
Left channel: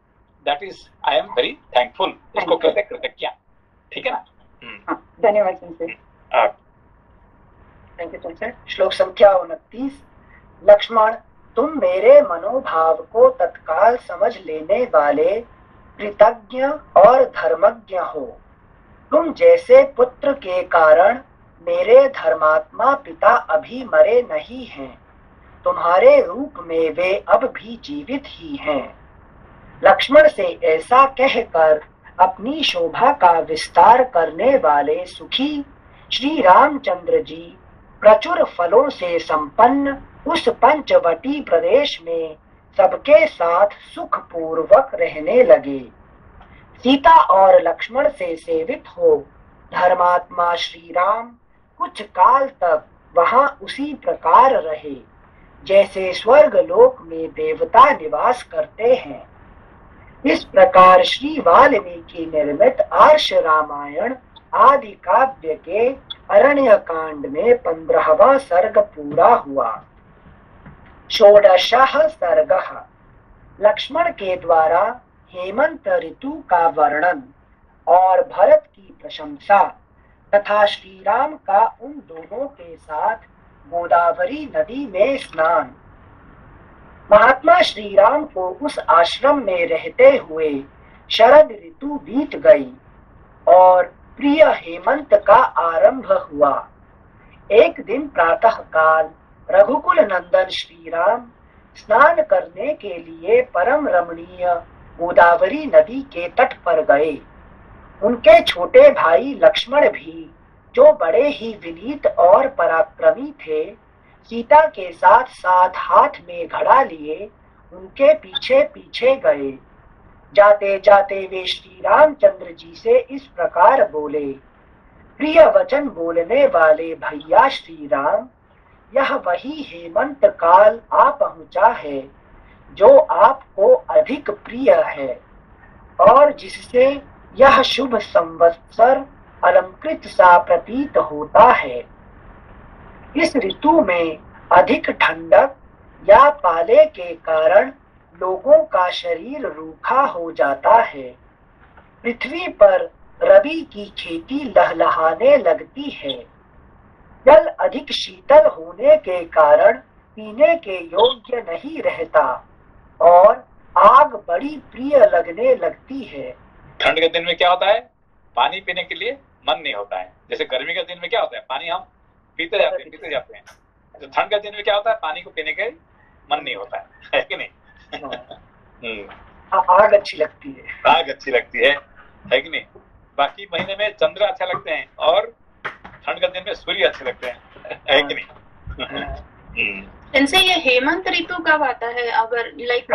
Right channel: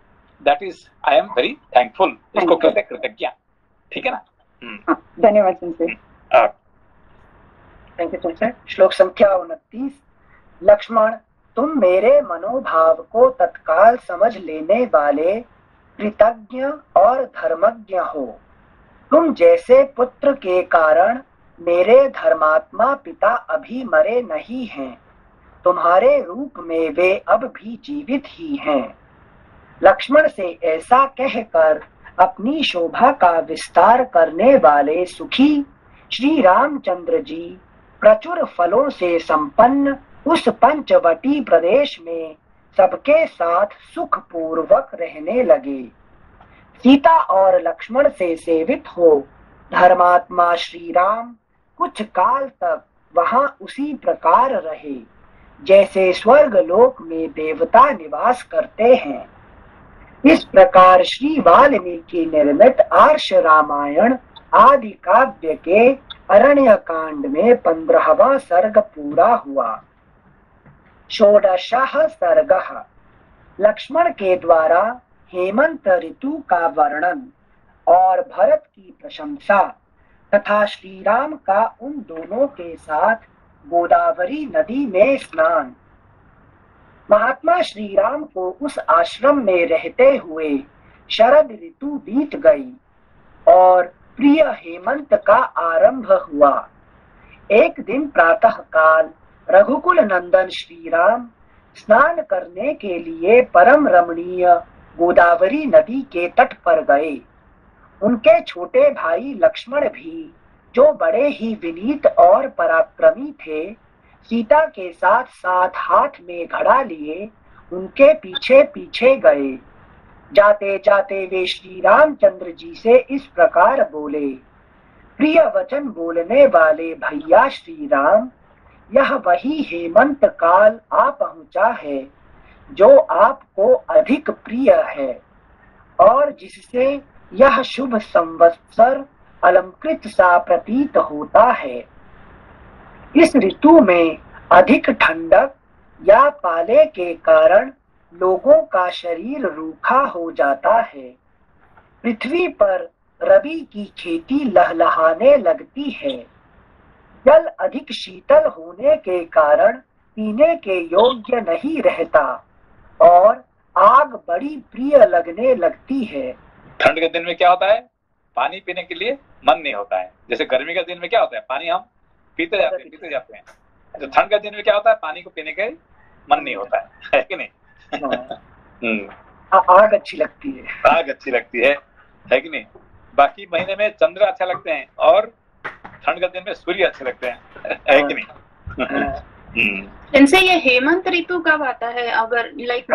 that is I am very thankful, इसको कहते हैं कृतज्ञ, ठीक है ना? धन्यवाद सेंसे। Thank you sensei. श्लोक संख्या 29। लक्ष्मण, तुम मेरे मनोभाव को तत्काल समझ लेने वाले कृतज्ञ और धर्मज्ञ हो। तुम जैसे पुत्र के कारण मेरे धर्मात्मा पिता अभी मरे नहीं हैं, तुम्हारे रूप में वे अब भी जीवित ही हैं। लक्ष्मण से ऐसा कहकर अपनी शोभा का विस्तार करने वाले सुखी श्री रामचंद्र जी प्रचुर फलों से संपन्न उस पंचवटी प्रदेश में सबके साथ सुख पूर्वक रहने लगे। सीता और लक्ष्मण से सेवित हो धर्मात्मा श्री राम कुछ काल तक वहां उसी प्रकार रहे जैसे स्वर्ग लोक में देवता निवास करते हैं। इस प्रकार श्री वाल्मीकि निर्मित आर्ष रामायण आदि काव्य के अरण्य कांड में 15वां सर्ग पूरा हुआ। षोडशः सर्गः लक्ष्मण के द्वारा हेमंत ऋतु का वर्णन और भरत की प्रशंसा तथा श्री राम का उन दोनों के साथ गोदावरी नदी में स्नान। महात्मा श्री राम को उस आश्रम में रहते हुए शरद ऋतु बीत गई और प्रिय हेमंत का आरंभ हुआ। एक दिन प्रातः काल रघुकुल नंदन श्री राम स्नान करने के लिए परम रमणीय गोदावरी नदी के तट पर गए। उनके छोटे भाई लक्ष्मण भी, जो बड़े ही विनीत और पराक्रमी थे, सीता के साथ साथ हाथ में घड़ा लिए उनके पीछे पीछे गए। जाते जाते वे श्री रामचंद्र जी से इस प्रकार बोले, प्रिय वचन बोलने वाले भैया श्री राम, यह वही हेमंत काल आ पहुंचा है जो आपको अधिक प्रिय है और जिससे यह शुभ संवत्सर अलंकृत सा प्रतीत होता है। इस ऋतु में अधिक ठंडक या पाले के कारण लोगों का शरीर रूखा हो जाता है। पृथ्वी पर रबी की खेती लहलहाने लगती है। जल अधिक शीतल होने के कारण पीने के योग्य नहीं रहता और आग बड़ी प्रिय लगने लगती है। ठंड के दिन में क्या होता है, पानी पीने के लिए मन नहीं होता है। जैसे गर्मी के दिन में क्या होता है, पानी हम पीते जाते हैं। तो ठंड के दिन में क्या होता है, पानी को पीने के मन नहीं होता है कि नहीं? आग अच्छी लगती है। आग अच्छी लगती है कि नहीं? बाकी महीने में चंद्र अच्छा लगते हैं और ठंड के दिन में सूर्य अच्छे लगते हैं, है कि नहीं? इनसे ये हेमंत ऋतु कब आता है? अगर लाइक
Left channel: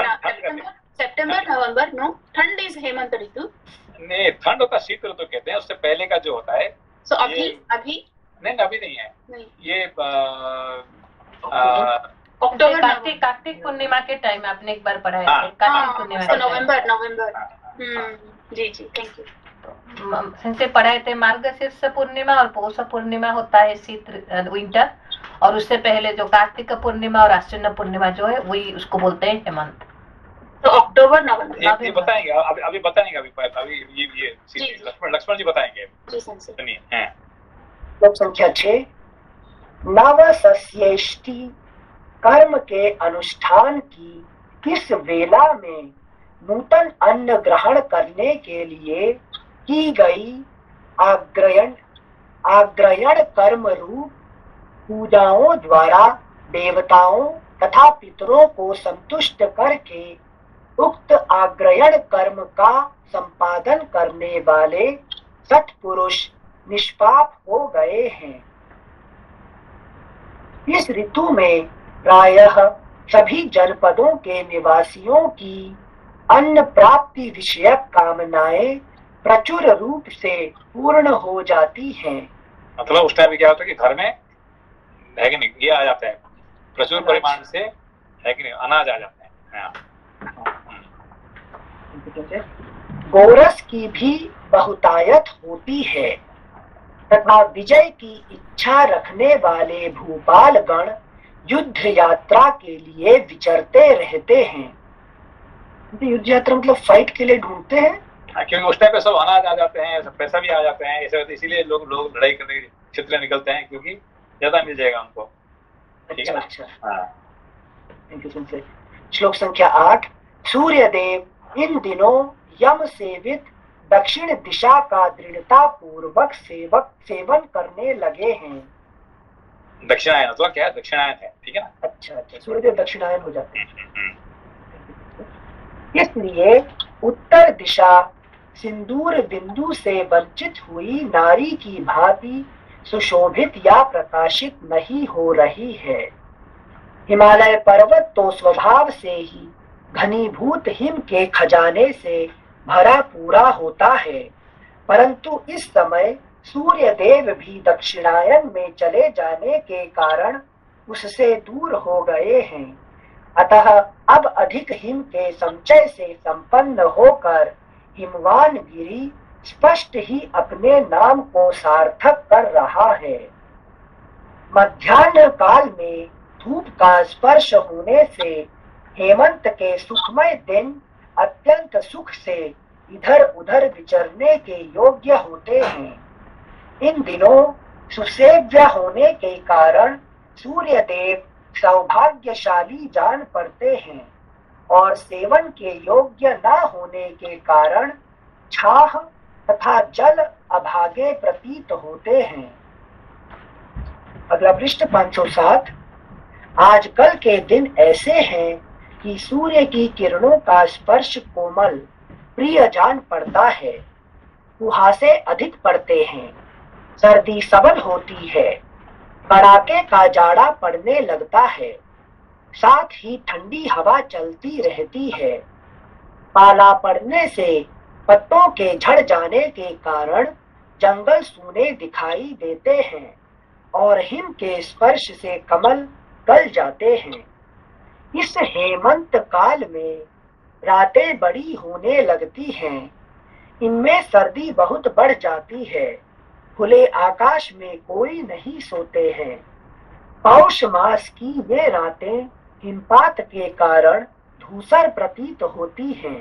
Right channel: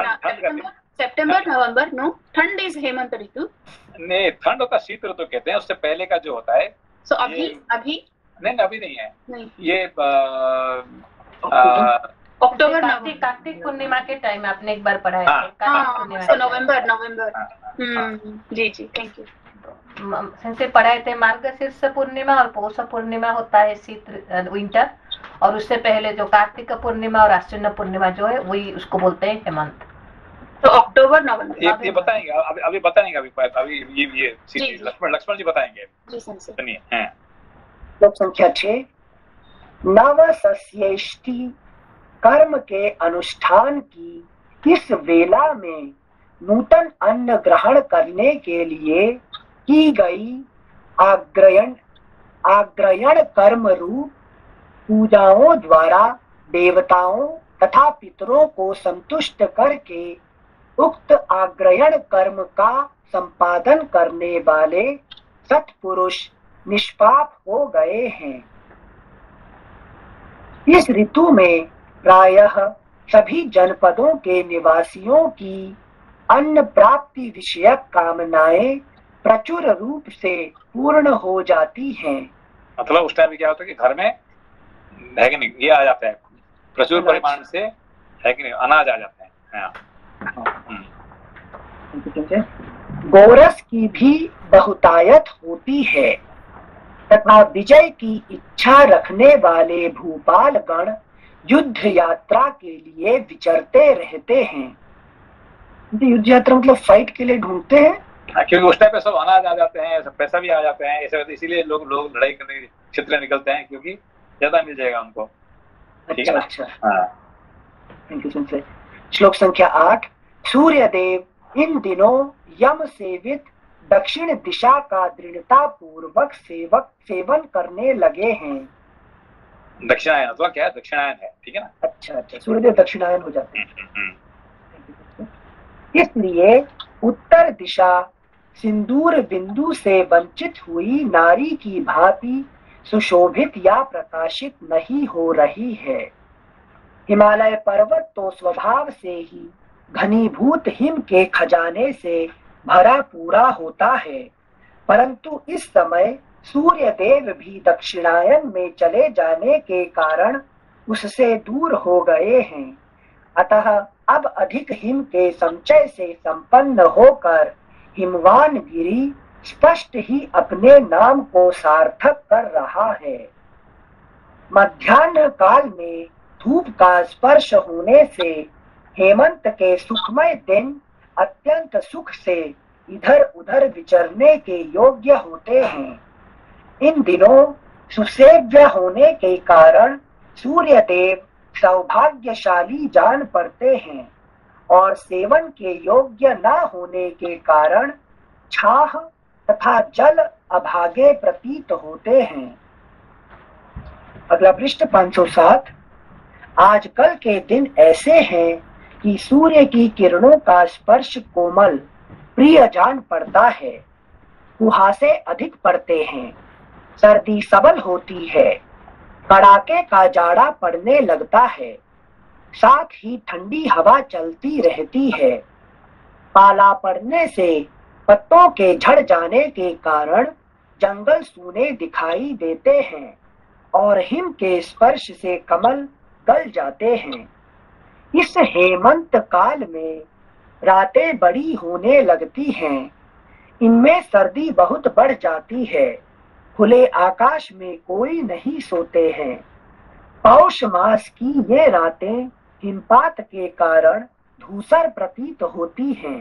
सितंबर नवंबर, नो ठंड इज हेमंत ऋतु? नहीं, ठंड होता शीत ऋतु कहते हैं। उससे पहले का जो होता है सो अभी नहीं, अभी नहीं है। नहीं। ये अक्टूबर कार्तिक पूर्णिमा के टाइम आपने एक बार पढ़ा है। कार्तिक पूर्णिमा नवंबर। जी थैंक यू। से पढ़ाए थे मार्गशीर्ष पूर्णिमा और पौष पूर्णिमा होता है शीत विंटर, और उससे पहले जो कार्तिक पूर्णिमा और आश्विन पूर्णिमा जो है वही उसको बोलते हैं हेमंत। तो अक्टूबर नवंबर ये बताएंगे अभी बताएंगे अभी ये लक्ष्मण जी बताएंगे। सुनिए श्लोक संख्या 6। नवसस्येष्टि कर्म के अनुष्ठान की किस वेला में नूतन अन्न ग्रहण करने के लिए की गई आग्रयण कर्म रूप पूजाओं द्वारा देवताओं तथा पितरों को संतुष्ट करके उक्त आग्रयण कर्म का संपादन करने वाले सत्पुरुष निष्पाप हो गए हैं। इस ऋतु में प्रायः सभी जनपदों के निवासियों की अन्न प्राप्ति विषयक कामनाएं प्रचुर रूप से पूर्ण हो जाती हैं। मतलब उस टाइम क्या होता है कि घर में है कि नहीं, ये आ जाते हैं प्रचुर परिमाण से, है कि नहीं, अनाज आ जाते हैं। गोरस की भी बहुतायत होती है तथा विजय की इच्छा रखने वाले भूपाल गण युद्ध यात्रा के लिए विचरते रहते हैं। युद्ध यात्रा मतलब फाइट के लिए ढूंढते हैं, क्योंकि उस टाइम पे सब अनाज आ जाते हैं, सब पैसा भी आ जाते हैं, इसीलिए लोग लड़ाई करने क्षेत्र निकलते हैं क्योंकि ज्यादा मिल जाएगा उनको। अच्छा। Thank you Sanjay. श्लोक संख्या 8। सूर्य देव इन दिनों यम सेवित दक्षिण दिशा का दृढ़ता पूर्वक सेवन करने लगे हैं। दक्षिणायन तो क्या है, दक्षिणायन है, ठीक है ना? अच्छा, सूर्यदेव दक्षिणायन हो जाते हैं। इसलिए उत्तर दिशा सिंदूर बिंदु से वंचित हुई नारी की भांति सुशोभित या प्रकाशित नहीं हो रही है। हिमालय पर्वत तो स्वभाव से ही घनीभूत हिम के खजाने से भरा पूरा होता है, परंतु इस समय सूर्य देव भी दक्षिणायन में चले जाने के कारण उससे दूर हो गए हैं अतः अब अधिक हिम के संचय से संपन्न होकर हिमवान गिरी स्पष्ट ही अपने नाम को सार्थक कर रहा है। मध्याह्न काल में धूप का स्पर्श होने से हेमंत के सुखमय दिन अत्यंत सुख से इधर उधर विचरने के योग्य होते हैं। इन दिनों सुसेव्य होने के कारण सूर्य देव सौभाग्यशाली जान पड़ते हैं और सेवन के योग्य न होने के कारण छाह तथा जल अभागे प्रतीत होते हैं। अगला पृष्ठ 507। आजकल के दिन ऐसे हैं कि सूर्य की किरणों का स्पर्श कोमल प्रिय जान पड़ता है, कुहासे अधिक पड़ते हैं, सर्दी सबल होती है, कड़ाके का जाड़ा पड़ने लगता है, साथ ही ठंडी हवा चलती रहती है। पाला पड़ने से पत्तों के झड़ जाने के कारण जंगल सूने दिखाई देते हैं और हिम के स्पर्श से कमल गल जाते हैं। इस हेमंत काल में रातें बड़ी होने लगती हैं, इनमें सर्दी बहुत बढ़ जाती है, खुले आकाश में कोई नहीं सोते हैं। पौष मास की ये रातें हिमपात के कारण धूसर प्रतीत होती हैं।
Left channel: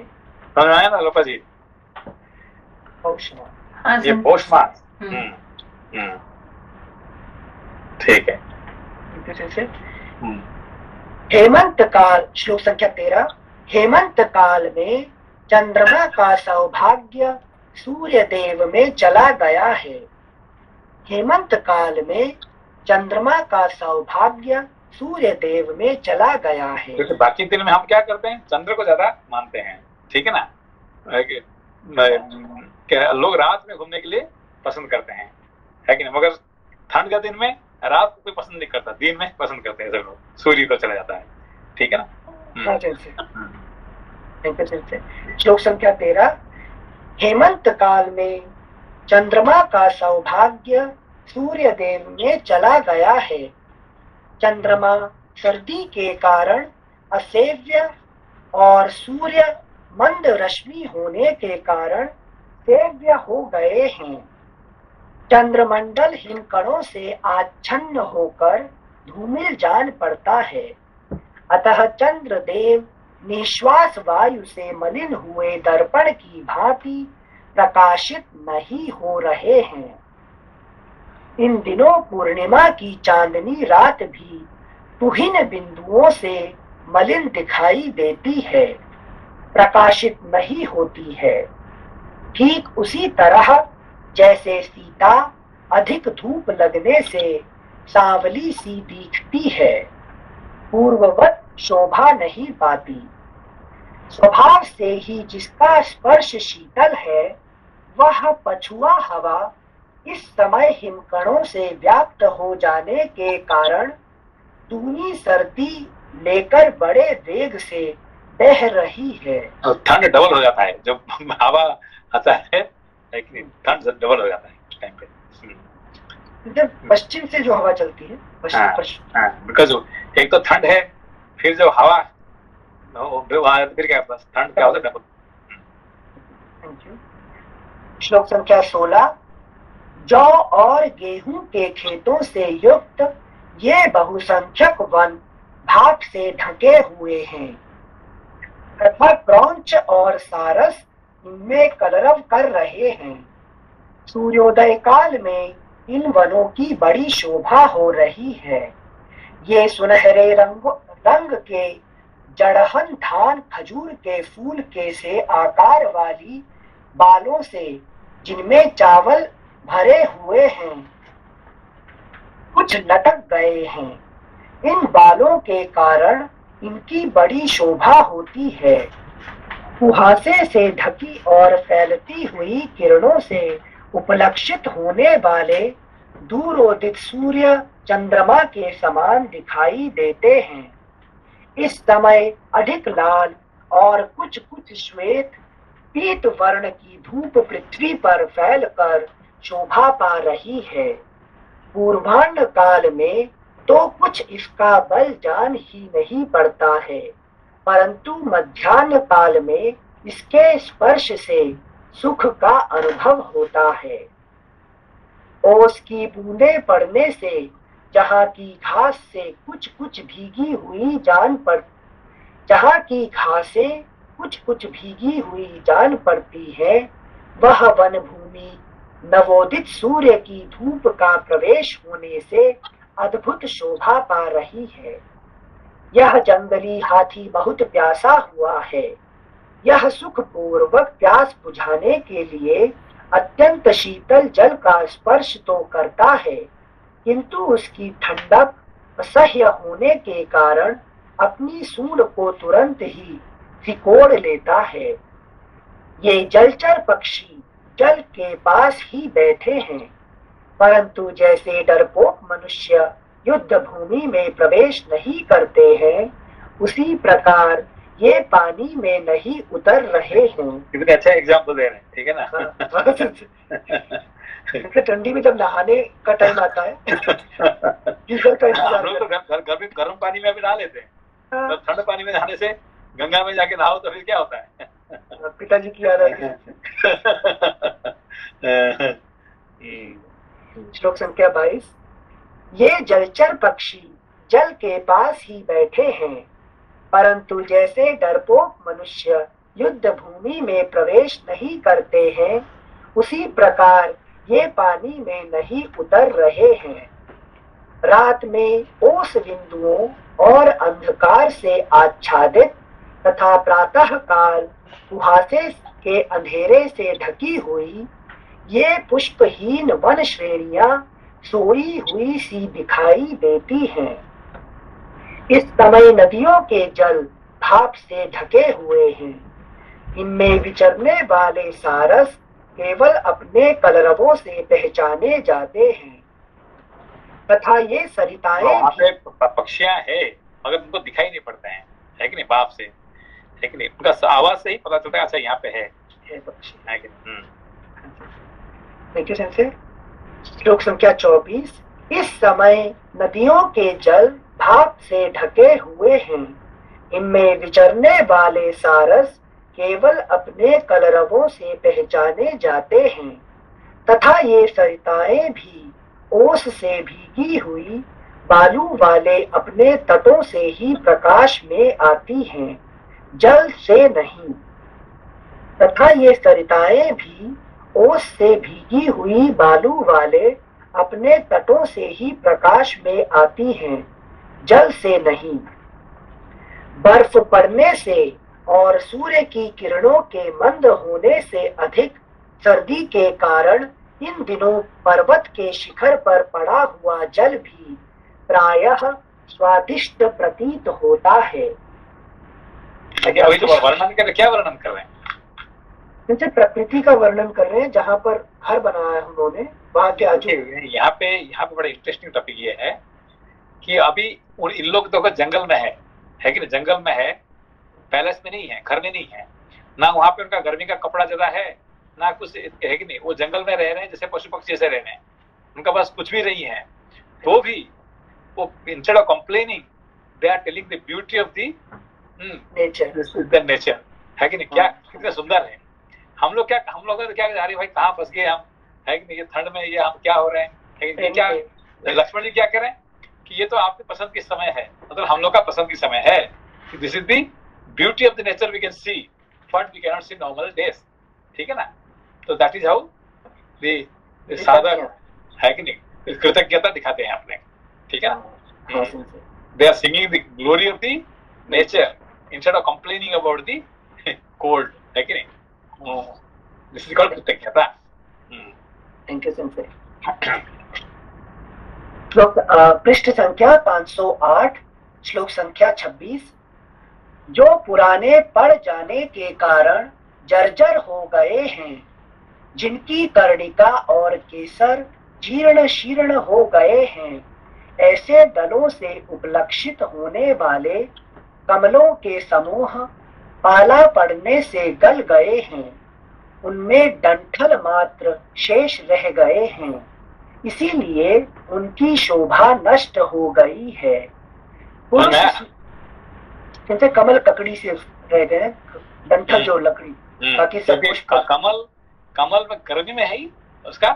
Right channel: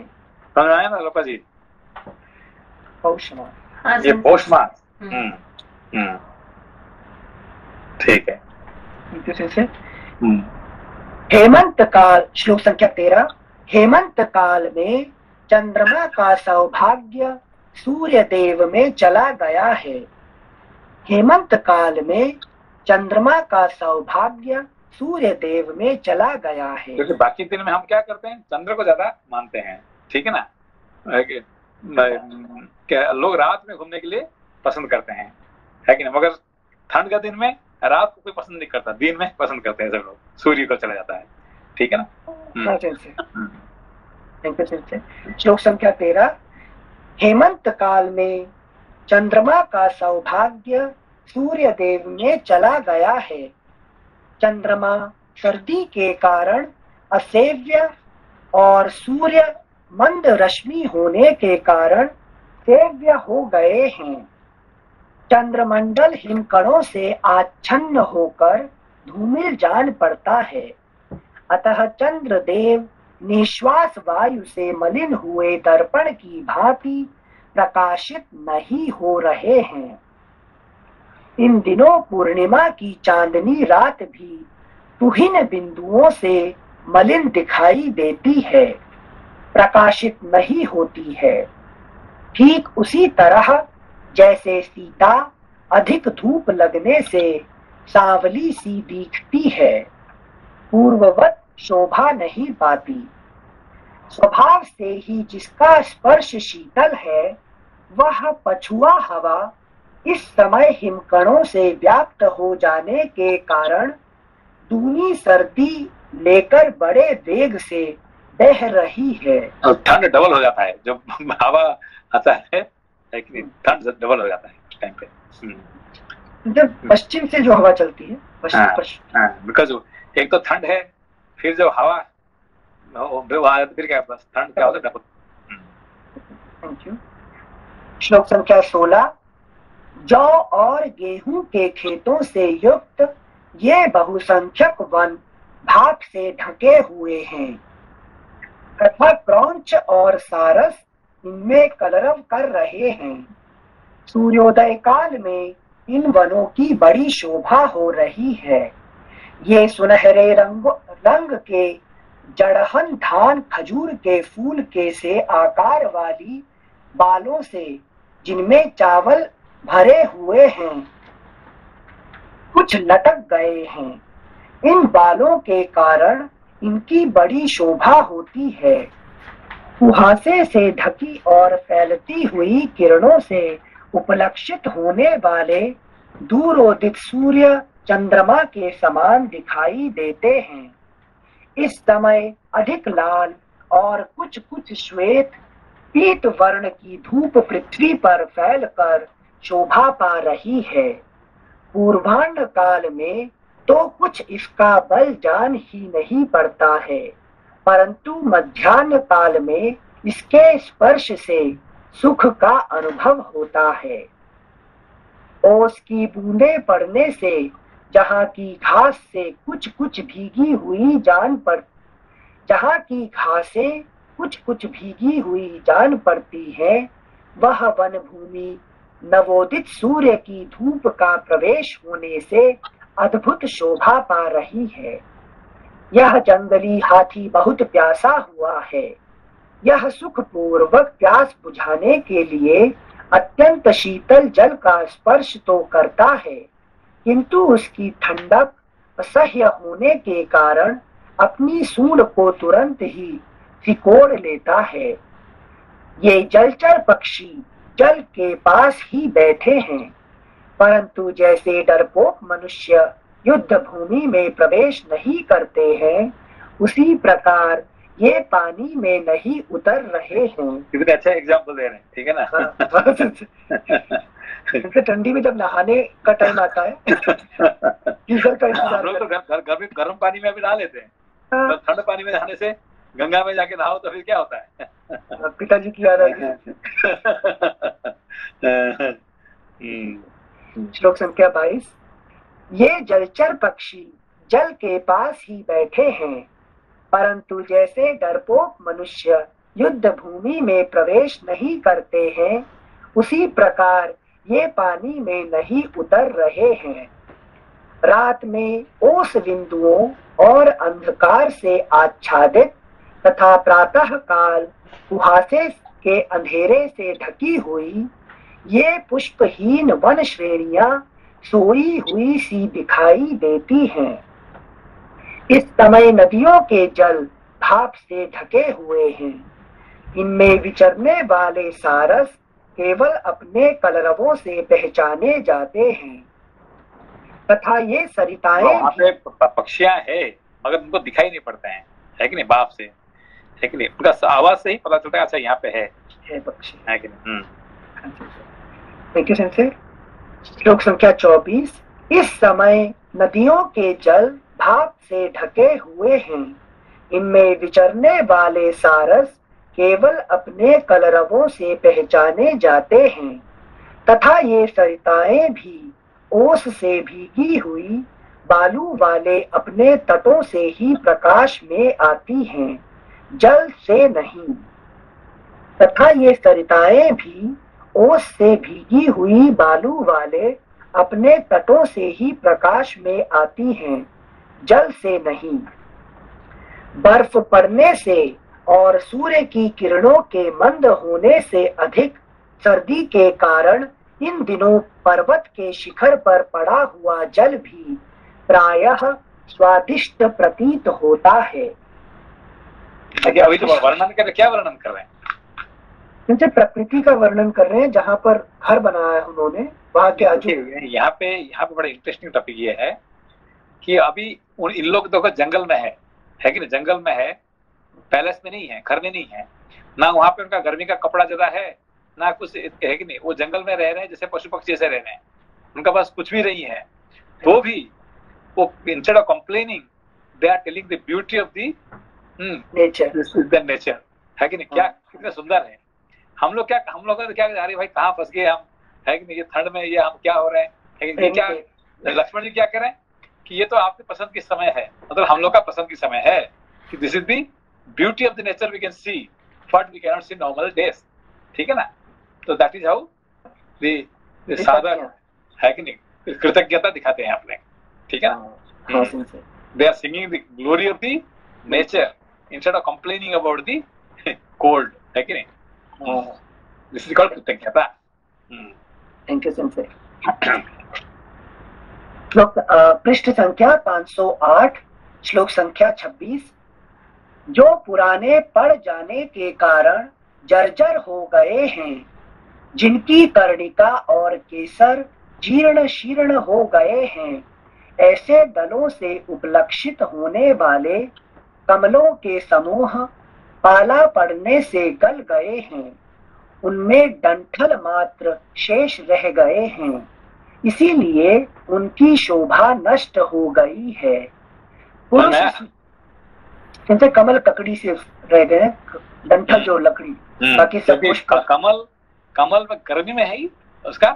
समझ आया ना लोपा जी? पौष मास, ये पौष मास। ठीक है। हेमंत काल, श्लोक संख्या 13। हेमंत काल में चंद्रमा का सौभाग्य सूर्य देव में चला गया है। हेमंत काल में चंद्रमा का सौभाग्य सूर्य देव में चला गया है। क्योंकि बाकी दिन में हम क्या करते हैं, चंद्र को ज्यादा मानते हैं, ठीक है ना। लोग रात में घूमने के लिए पसंद करते हैं, है कि नहीं। मगर ठंड का दिन में रात को कोई पसंद नहीं करता, दिन में पसंद करते हैं सब लोग, सूर्य को चला जाता है, ठीक है ना। श्लोक संख्या 13। हेमंत काल में चंद्रमा का सौभाग्य सूर्य देव में चला गया है। चंद्रमा सर्दी के कारण असेव्य और सूर्य मंद रश्मि होने के कारण सेव्य हो गए हैं। चंद्रमंडल हिमकणों से आच्छन्न होकर धूमिल जान पड़ता है, अतः चंद्रदेव निश्वास वायु से मलिन हुए दर्पण की भांति प्रकाशित नहीं हो रहे हैं। इन दिनों पूर्णिमा की चांदनी रात भी तुहिन बिंदुओं से मलिन दिखाई देती है, प्रकाशित नहीं होती है। ठीक उसी तरह जैसे सीता अधिक धूप लगने से सांवली सी दिखती है, पूर्ववत शोभा नहीं पाती। स्वभाव से ही जिसका स्पर्श शीतल है, वह पछुआ हवा इस समय हिमकणों से व्याप्त हो जाने के कारण दूनी सर्दी लेकर बड़े वेग से बह रही है। और ठंड डबल हो जाता है जब हवा आता है, लेकिन ठंड डबल हो जाता है उस टाइम पे। जब पश्चिम से जो हवा चलती है, बिकॉज एक तो ठंड है, फिर जो हवा फिर क्या ठंड क्या होता है, डबल। Thank you. श्लोक संख्या 16। जौ और गेहूं के खेतों से युक्त ये बहुसंख्यक वन भाप से ढके हुए हैं तथा क्रौंच और सारस इनमें कलरव कर रहे हैं। सूर्योदय काल में इन वनों की बड़ी शोभा हो रही है। ये सुनहरे रंग के जड़हन धान खजूर के फूल के से आकार वाली बालों से, जिनमें चावल भरे हुए हैं, कुछ लटक गए हैं। इन बालों के कारण इनकी बड़ी शोभा होती है। कुहासे से ढकी और फैलती हुई किरणों से उपलक्षित होने वाले दूरोदित सूर्य चंद्रमा के समान दिखाई देते हैं। इस समय अधिक लाल और कुछ कुछ श्वेत पीत वर्ण की धूप पृथ्वी पर फैलकर शोभा पा रही है। पूर्वाह्न काल में तो कुछ इसका बल जान ही नहीं पड़ता है, परंतु मध्याह्न काल में इसके स्पर्श से सुख का अनुभव होता है। ओस की बूंदे पड़ने से जहाँ की घास से कुछ कुछ भीगी हुई जहाँ की घासें कुछ कुछ भीगी हुई जान पड़ती है, वह वन भूमि नवोदित सूर्य की धूप का प्रवेश होने से अद्भुत शोभा पा रही है। यह जंगली हाथी बहुत प्यासा हुआ है। यह सुखपूर्वक प्यास बुझाने के लिए अत्यंत शीतल जल का स्पर्श तो करता है, किंतु उसकी ठंडक असह्य होने के कारण अपनी सूंड को तुरंत ही सिकोड़ लेता है। ये जलचर पक्षी जल के पास ही बैठे हैं, परंतु जैसे डरपोक मनुष्य युद्ध भूमि में प्रवेश नहीं करते हैं, उसी प्रकार ये पानी में नहीं उतर रहे हैं। कितने अच्छा एग्जाम्पल दे रहे हैं, ठीक है ना। ठंडी में जब नहाने का टाइम आता है गीजर का हम लोग तो गर्म पानी में भी नहा लेते हैं, तो ठंडे पानी में नहाने से गंगा में जाके नहाओ तो फिर क्या होता है। पिताजी की याद आई। श्लोक संख्या 22। ये जलचर पक्षी जल के पास ही बैठे हैं, परंतु जैसे डरपोक मनुष्य युद्ध भूमि में प्रवेश नहीं करते हैं, उसी प्रकार ये पानी में नहीं उतर रहे हैं। रात में ओस बिंदुओं और अंधकार से आच्छादित तथा प्रातः काल कुहासे के अंधेरे से ढकी हुई ये पुष्पहीन वन श्रेणियां सोई हुई सी दिखाई देती हैं। इस समय नदियों के जल भाप से ढके हुए हैं। इनमें विचरने वाले सारस केवल अपने कलरवों से पहचाने जाते हैं, तथा ये सरिताएं पक्षियां है मगर उनको दिखाई नहीं पड़ते हैं, है कि नहीं, बाप से, है कि नहीं, उनका आवाज से ही पता चलता है अच्छा यहाँ पे है पक्षी, है कि नहीं। Thank you sensei. श्लोक संख्या 24। इस समय नदियों के जल भाप से ढके हुए हैं। इनमें विचरने वाले सारस केवल अपने कलरवों से पहचाने जाते हैं, तथा ये सरिताएं भी ओस से भीगी हुई बालू वाले अपने तटों से ही प्रकाश में आती हैं, जल से नहीं। तथा ये सरिताएं भी ओस से भीगी हुई बालू वाले अपने तटों से ही प्रकाश में आती हैं, जल से नहीं। बर्फ पड़ने से और सूर्य की किरणों के मंद होने से अधिक सर्दी के कारण इन दिनों पर्वत के शिखर पर पड़ा हुआ जल भी प्रायः स्वादिष्ट प्रतीत होता है। अभी तो वर्णन कर, क्या वर्णन कर रहे हैं? जैसे प्रकृति का वर्णन कर रहे हैं, जहाँ पर घर बनाया है उन्होंने, वहाँ के आजू। यहाँ पे बड़ा इंटरेस्टिंग टॉपिक ये है कि अभी इन लोग देखो जंगल में है कि नहीं, जंगल में है, पैलेस में नहीं है, घर में नहीं है ना, वहां पे उनका गर्मी का कपड़ा ज्यादा है ना कुछ, है कि नहीं, वो जंगल में रह रहे हैं जैसे पशु पक्षी जैसे रह रहे हैं, उनका पास कुछ भी नहीं है, तो भी वो instead of complaining they are telling the beauty of the nature, है कि नहीं। क्या कितना सुंदर है। हम लोग क्या अरे भाई कहाँ फंस गए हम, है कि नहीं, ये ठंड में ये हम क्या हो रहे हैं, है कि नहीं। क्या लक्ष्मण जी क्या करें कि ये तो आपके पसंद की समय है, मतलब हम लोग का पसंद की समय है कि this is the beauty of the nature we can see but we can not see normal days, ठीक है ना। तो दैट इज हाउ द साधक, है कि नहीं, कृतज्ञता दिखाते हैं अपने, ठीक है ना। They are singing the glory of the nature instead of complaining about the cold, है कि नहीं। दिस इज कॉल्ड कृतज्ञता। Thank you sensei. पृष्ठ संख्या 508, श्लोक संख्या 26। जो पुराने पड़ जाने के कारण जर्जर हो गए हैं, जिनकी कर्णिका और केसर जीर्ण शीर्ण हो गए हैं, ऐसे दलों से उपलक्षित होने वाले कमलों के समूह पाला पड़ने से गल गए हैं, उनमें डंठल मात्र शेष रह गए हैं। इसीलिए उनकी शोभा नष्ट हो गई है। पुरुष इनसे कमल ककड़ी से रह गए, डंठल जो लकड़ी, बाकी सब कुछ कमल में गर्मी में है ही उसका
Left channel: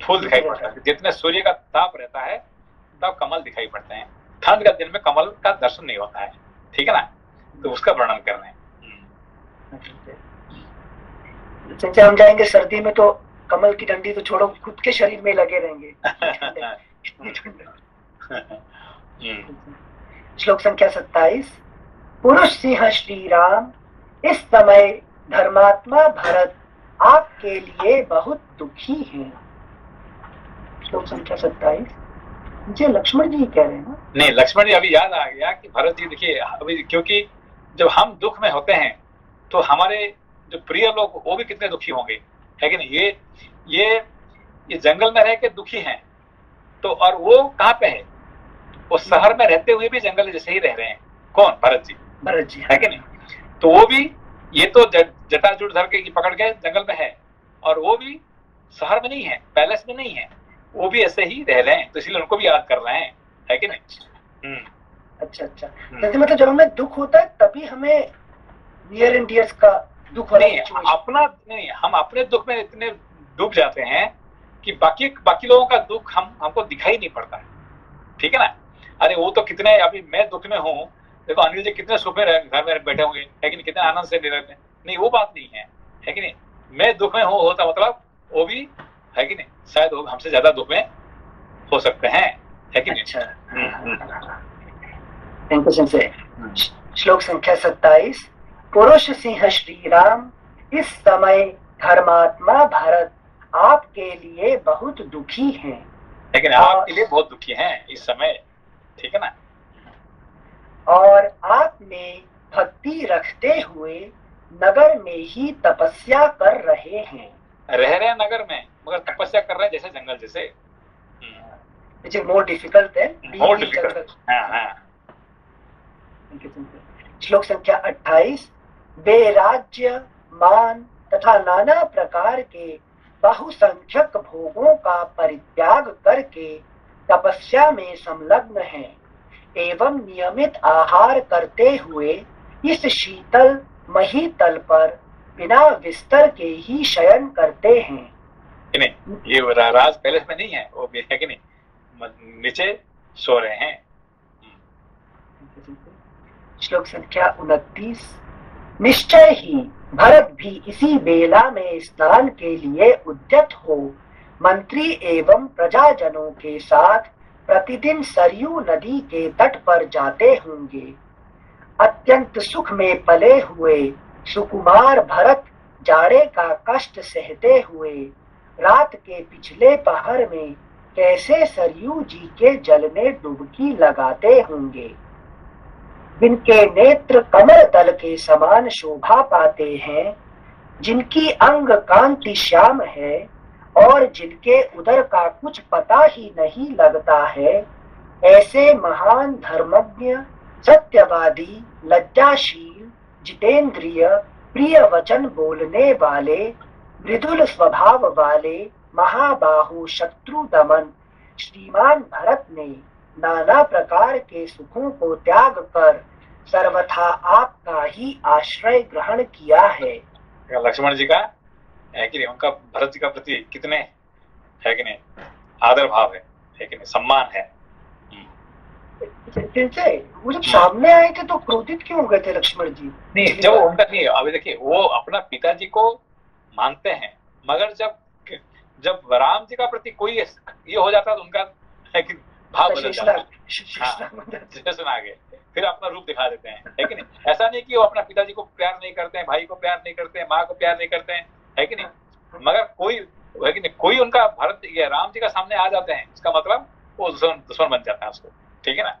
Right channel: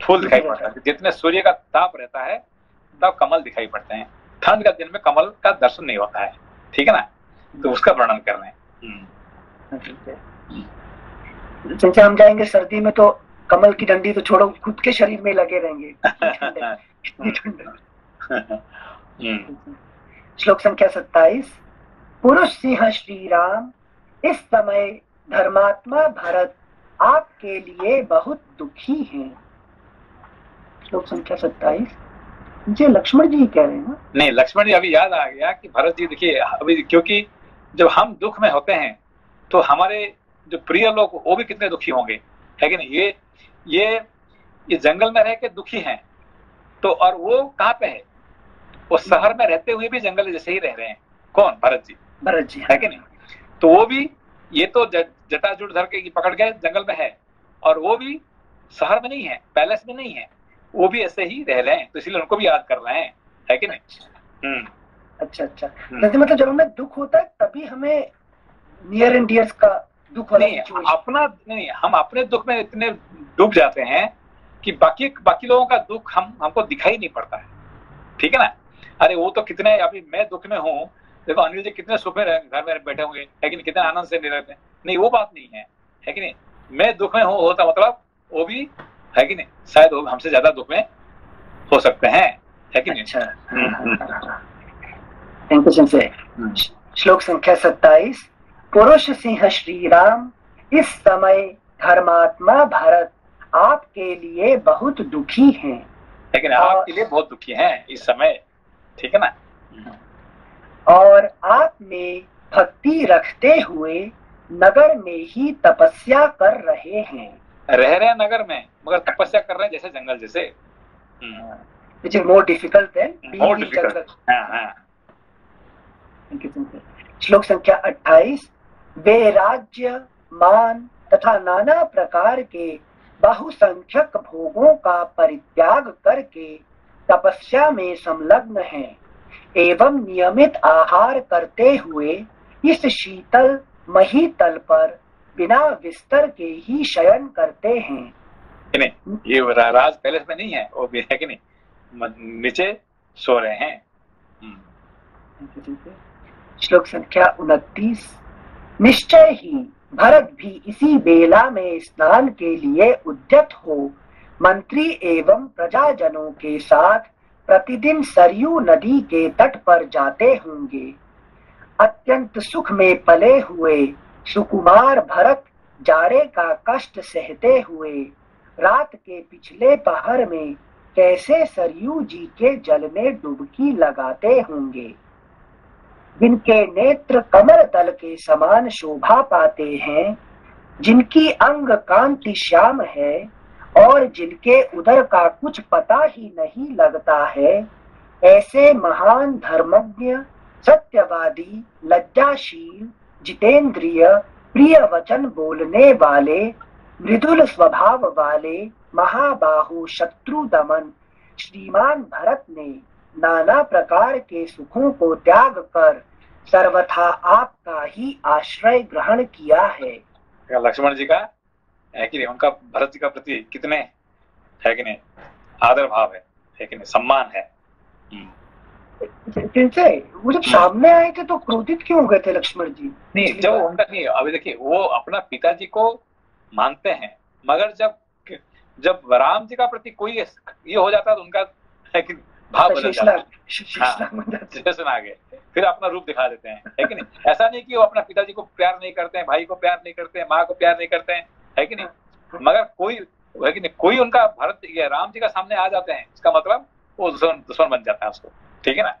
फूल दिखाई पड़ता है। जितने सूर्य का ताप रहता है तब कमल दिखाई पड़ते हैं, ठंड का दिन में कमल का दर्शन नहीं होता है, ठीक है ना। तो उसका वर्णन कर रहे हैं। जैसे हम जाएंगे सर्दी में तो कमल की डंडी तो छोड़ो, खुद के शरीर में लगे रहेंगे। श्लोक संख्या 27। पुरुष सिंह श्री राम, इस समय धर्मात्मा भरत आपके लिए बहुत दुखी हैं। श्लोक संख्या 27 जी लक्ष्मण जी कह रहे हैं ना? नहीं, लक्ष्मण जी अभी याद आ गया कि भरत जी देखिए अभी, क्योंकि जब हम दुख में होते हैं तो हमारे जो प्रिय लोग वो भी कितने दुखी होंगे, है कि नहीं। ये जंगल में रह के दुखी हैं, तो और वो कहाँ पे है, वो शहर में रहते हुए भी जंगल जैसे ही रह रहे हैं। कौन? भरत जी है कि नहीं। तो वो भी, ये तो जटाजुट धर के पकड़ गए जंगल में है, और वो भी शहर में नहीं है, पैलेस में नहीं है, वो भी ऐसे ही रह रहे हैं, तो इसलिए उनको भी याद कर रहे हैं, है कि नहीं। अच्छा, मतलब जब हमें दुख होता है तभी हमें नियर एंड डियर्स का दुख होता है। अपना नहीं, हम अपने दुख में इतने डूब जाते हैं कि बाकी लोगों का दुख हमको दिखाई नहीं पड़ता है, ठीक है ना। अरे वो तो कितने, अभी मैं दुख में हूँ, देखो अनिल जी कितने सुख में घर में बैठे हुए हैं, कितने आनंद से नहीं रहते। नहीं, वो बात नहीं है कि नहीं। मैं दुख में होता मतलब वो भी है कि नहीं, शायद वो हमसे ज्यादा दुख में हो सकते हैं, है कि नहीं। Thank you Sanjay. श्लोक संख्या 27। पुरुष सिंह श्री राम, इस समय धर्मात्मा भरत आपके लिए बहुत दुखी हैं। लेकिन आपके लिए बहुत दुखी हैं इस समय, ठीक है ना। और आप में भक्ति रखते हुए नगर में ही तपस्या कर रहे हैं। रह रहे हैं नगर में, मगर तपस्या कर रहे हैं जैसे जंगल जैसे। Which is more difficult than more difficult। श्लोक संख्या 28। वे राज्य, मान तथा नाना प्रकार के बहुसंख्यक भोगों का परित्याग करके तपस्या में संलग्न हैं एवं नियमित आहार करते हुए इस शीतल मही तल पर बिना बिस्तर के ही शयन करते हैं। नहीं, ये राज पैलेस में नहीं है, वो भी है कि नहीं, नीचे सो रहे हैं। श्लोक संख्या 29। निश्चय ही भरत भी इसी बेला में स्नान के लिए उद्यत हो मंत्री एवं प्रजाजनों के साथ प्रतिदिन सरयू नदी के तट पर जाते होंगे। अत्यंत सुख में पले हुए सुकुमार भरत जाड़े का कष्ट सहते हुए रात के पिछले पहर में कैसे सरयू जी के जल में डुबकी लगाते होंगे। जिनके नेत्र कमल तल के समान शोभा पाते हैं, जिनकी अंग कांति श्याम है और जिनके उदर का कुछ पता ही नहीं लगता है, ऐसे महान धर्मज्ञ, सत्यवादी, लज्जाशील, जितेंद्रिय, प्रिय वचन बोलने वाले, मृदुल स्वभाव वाले महाबाहु शत्रु दमन श्रीमान भरत ने नाना प्रकार के सुखों को त्याग कर सर्वथा आपका ही आश्रय ग्रहण किया है। लक्ष्मण जी का है कि नहीं, उनका भरत जी का प्रति कितने है कि नहीं आदर भाव है कि नहीं, सम्मान है। जैसे वो जब सामने आए थे तो क्रोधित क्यों हो गए थे लक्ष्मण जी? नहीं, जब उनका नहीं, अभी देखिए वो अपना पिताजी को मानते हैं, मगर जब राम जी का प्रति कोई ये हो जाता है तो उनका है कि भाव बदल जाता है, आ गए, फिर अपना रूप दिखा देते हैं, है कि नहीं। ऐसा नहीं कि वो अपना पिताजी को प्यार नहीं करते हैं, भाई को प्यार नहीं करते हैं, माँ को प्यार नहीं करते हैं, है कि नहीं, मगर कोई है कि नहीं, कोई उनका भरत या राम जी का सामने आ जाते हैं, इसका मतलब वो दुश्मन बन जाता है उसको, ठीक है ना।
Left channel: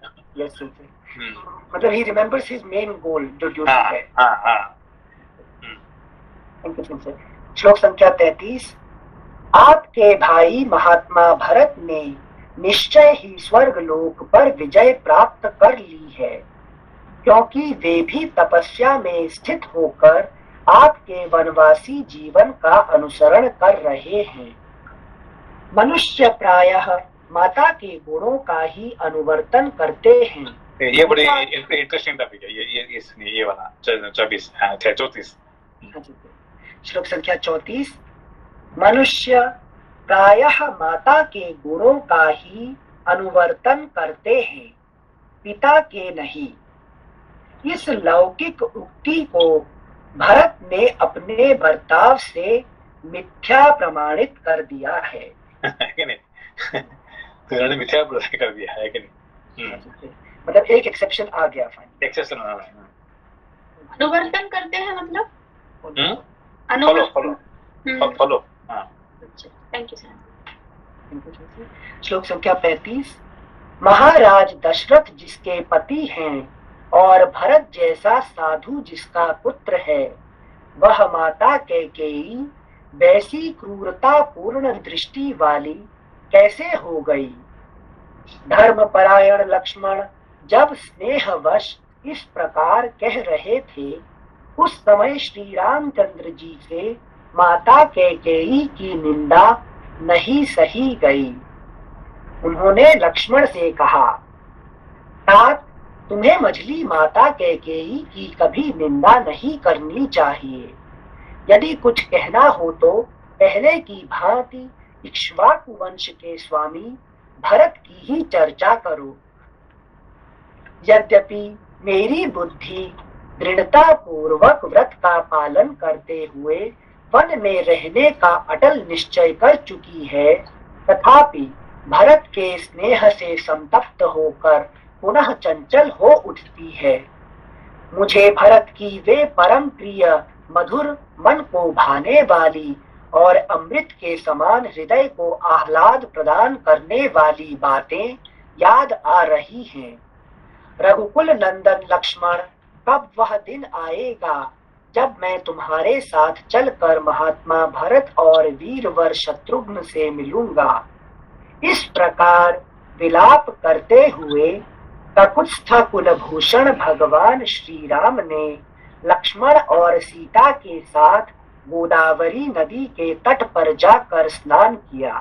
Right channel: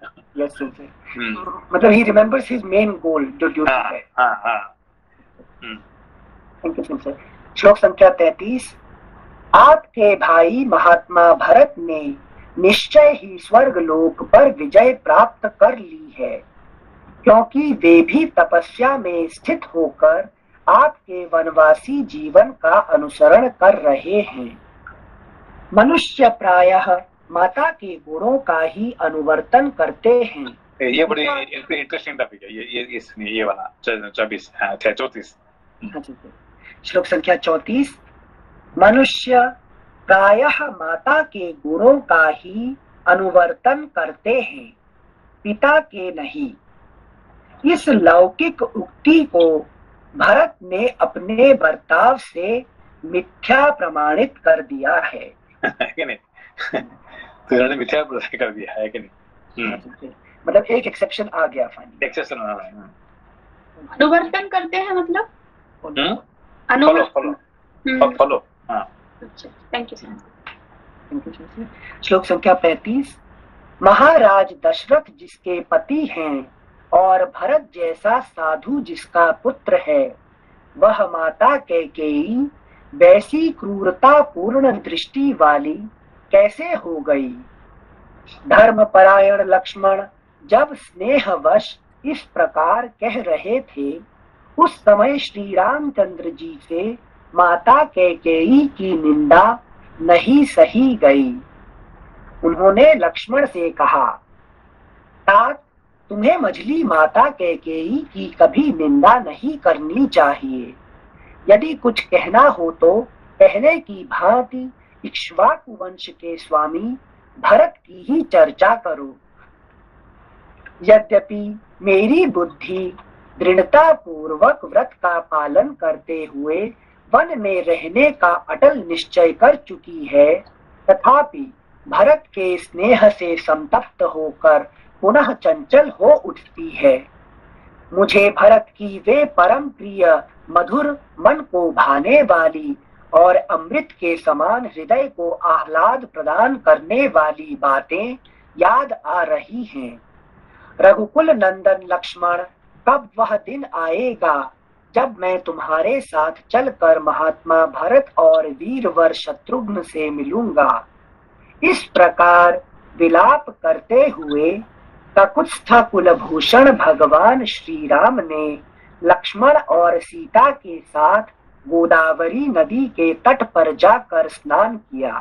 मतलब he remembers his main goal जो ड्यूटी है। श्लोक संख्या 33। आपके भाई महात्मा भरत ने निश्चय ही स्वर्ग लोक पर विजय प्राप्त कर ली है, क्योंकि वे भी तपस्या में स्थित होकर आपके वनवासी जीवन का अनुसरण कर रहे हैं। मनुष्य प्रायः माता के गुणों का ही अनुवर्तन करते हैं। ये बड़ी इंटरेस्टिंग टॉपिक है, ये वाला 24 34। श्लोक संख्या 34। मनुष्य प्रायः माता के गुणों का ही अनुवर्तन करते हैं, पिता के नहीं। इस लौकिक उक्ति को भरत ने अपने बर्ताव से मिथ्या प्रमाणित कर दिया है कि नहीं? तो इन्होंने मिथ्या प्रमाणित कर दिया है कि नहीं? मतलब एक एक्सेप्शन आ गया फाइनली। एक्सेप्शन अनुवर्तन करते हैं मतलब फॉलो। Thank you sir. श्लोक संख्या 35। महाराज दशरथ जिसके पति हैं और भरत जैसा साधु जिसका पुत्र है, वह माता कैकेयी वैसी क्रूरता पूर्ण दृष्टि वाली कैसे हो गई। धर्मपरायण लक्ष्मण जब स्नेहवश इस प्रकार कह रहे थे, उस समय श्री रामचंद्र जी से माता कैकेयी की निंदा नहीं सही गई। उन्होंने लक्ष्मण से कहा, तात तुम्हें मझली माता कैकेयी की कभी निंदा नहीं करनी चाहिए। यदि कुछ कहना हो तो पहले की भांति इक्ष्वाकु वंश के स्वामी भरत की ही चर्चा करो। यद्यपि मेरी बुद्धि दृढ़ता पूर्वक व्रत का पालन करते हुए वन में रहने का अटल निश्चय कर चुकी है, तथापि भरत के स्नेह से संतप्त होकर पुनः चंचल हो उठती है। मुझे भरत की वे परम प्रिय मधुर मन को भाने वाली और अमृत के समान हृदय को आह्लाद प्रदान करने वाली बातें याद आ रही हैं। रघुकुल नंदन लक्ष्मण, कब वह दिन आएगा जब मैं तुम्हारे साथ चलकर महात्मा भरत और वीरवर शत्रुघ्न से मिलूंगा। इस प्रकार विलाप करते हुए ककुत्स्थ कुलभूषण भगवान श्री राम ने लक्ष्मण और सीता के साथ गोदावरी नदी के तट पर जाकर स्नान किया।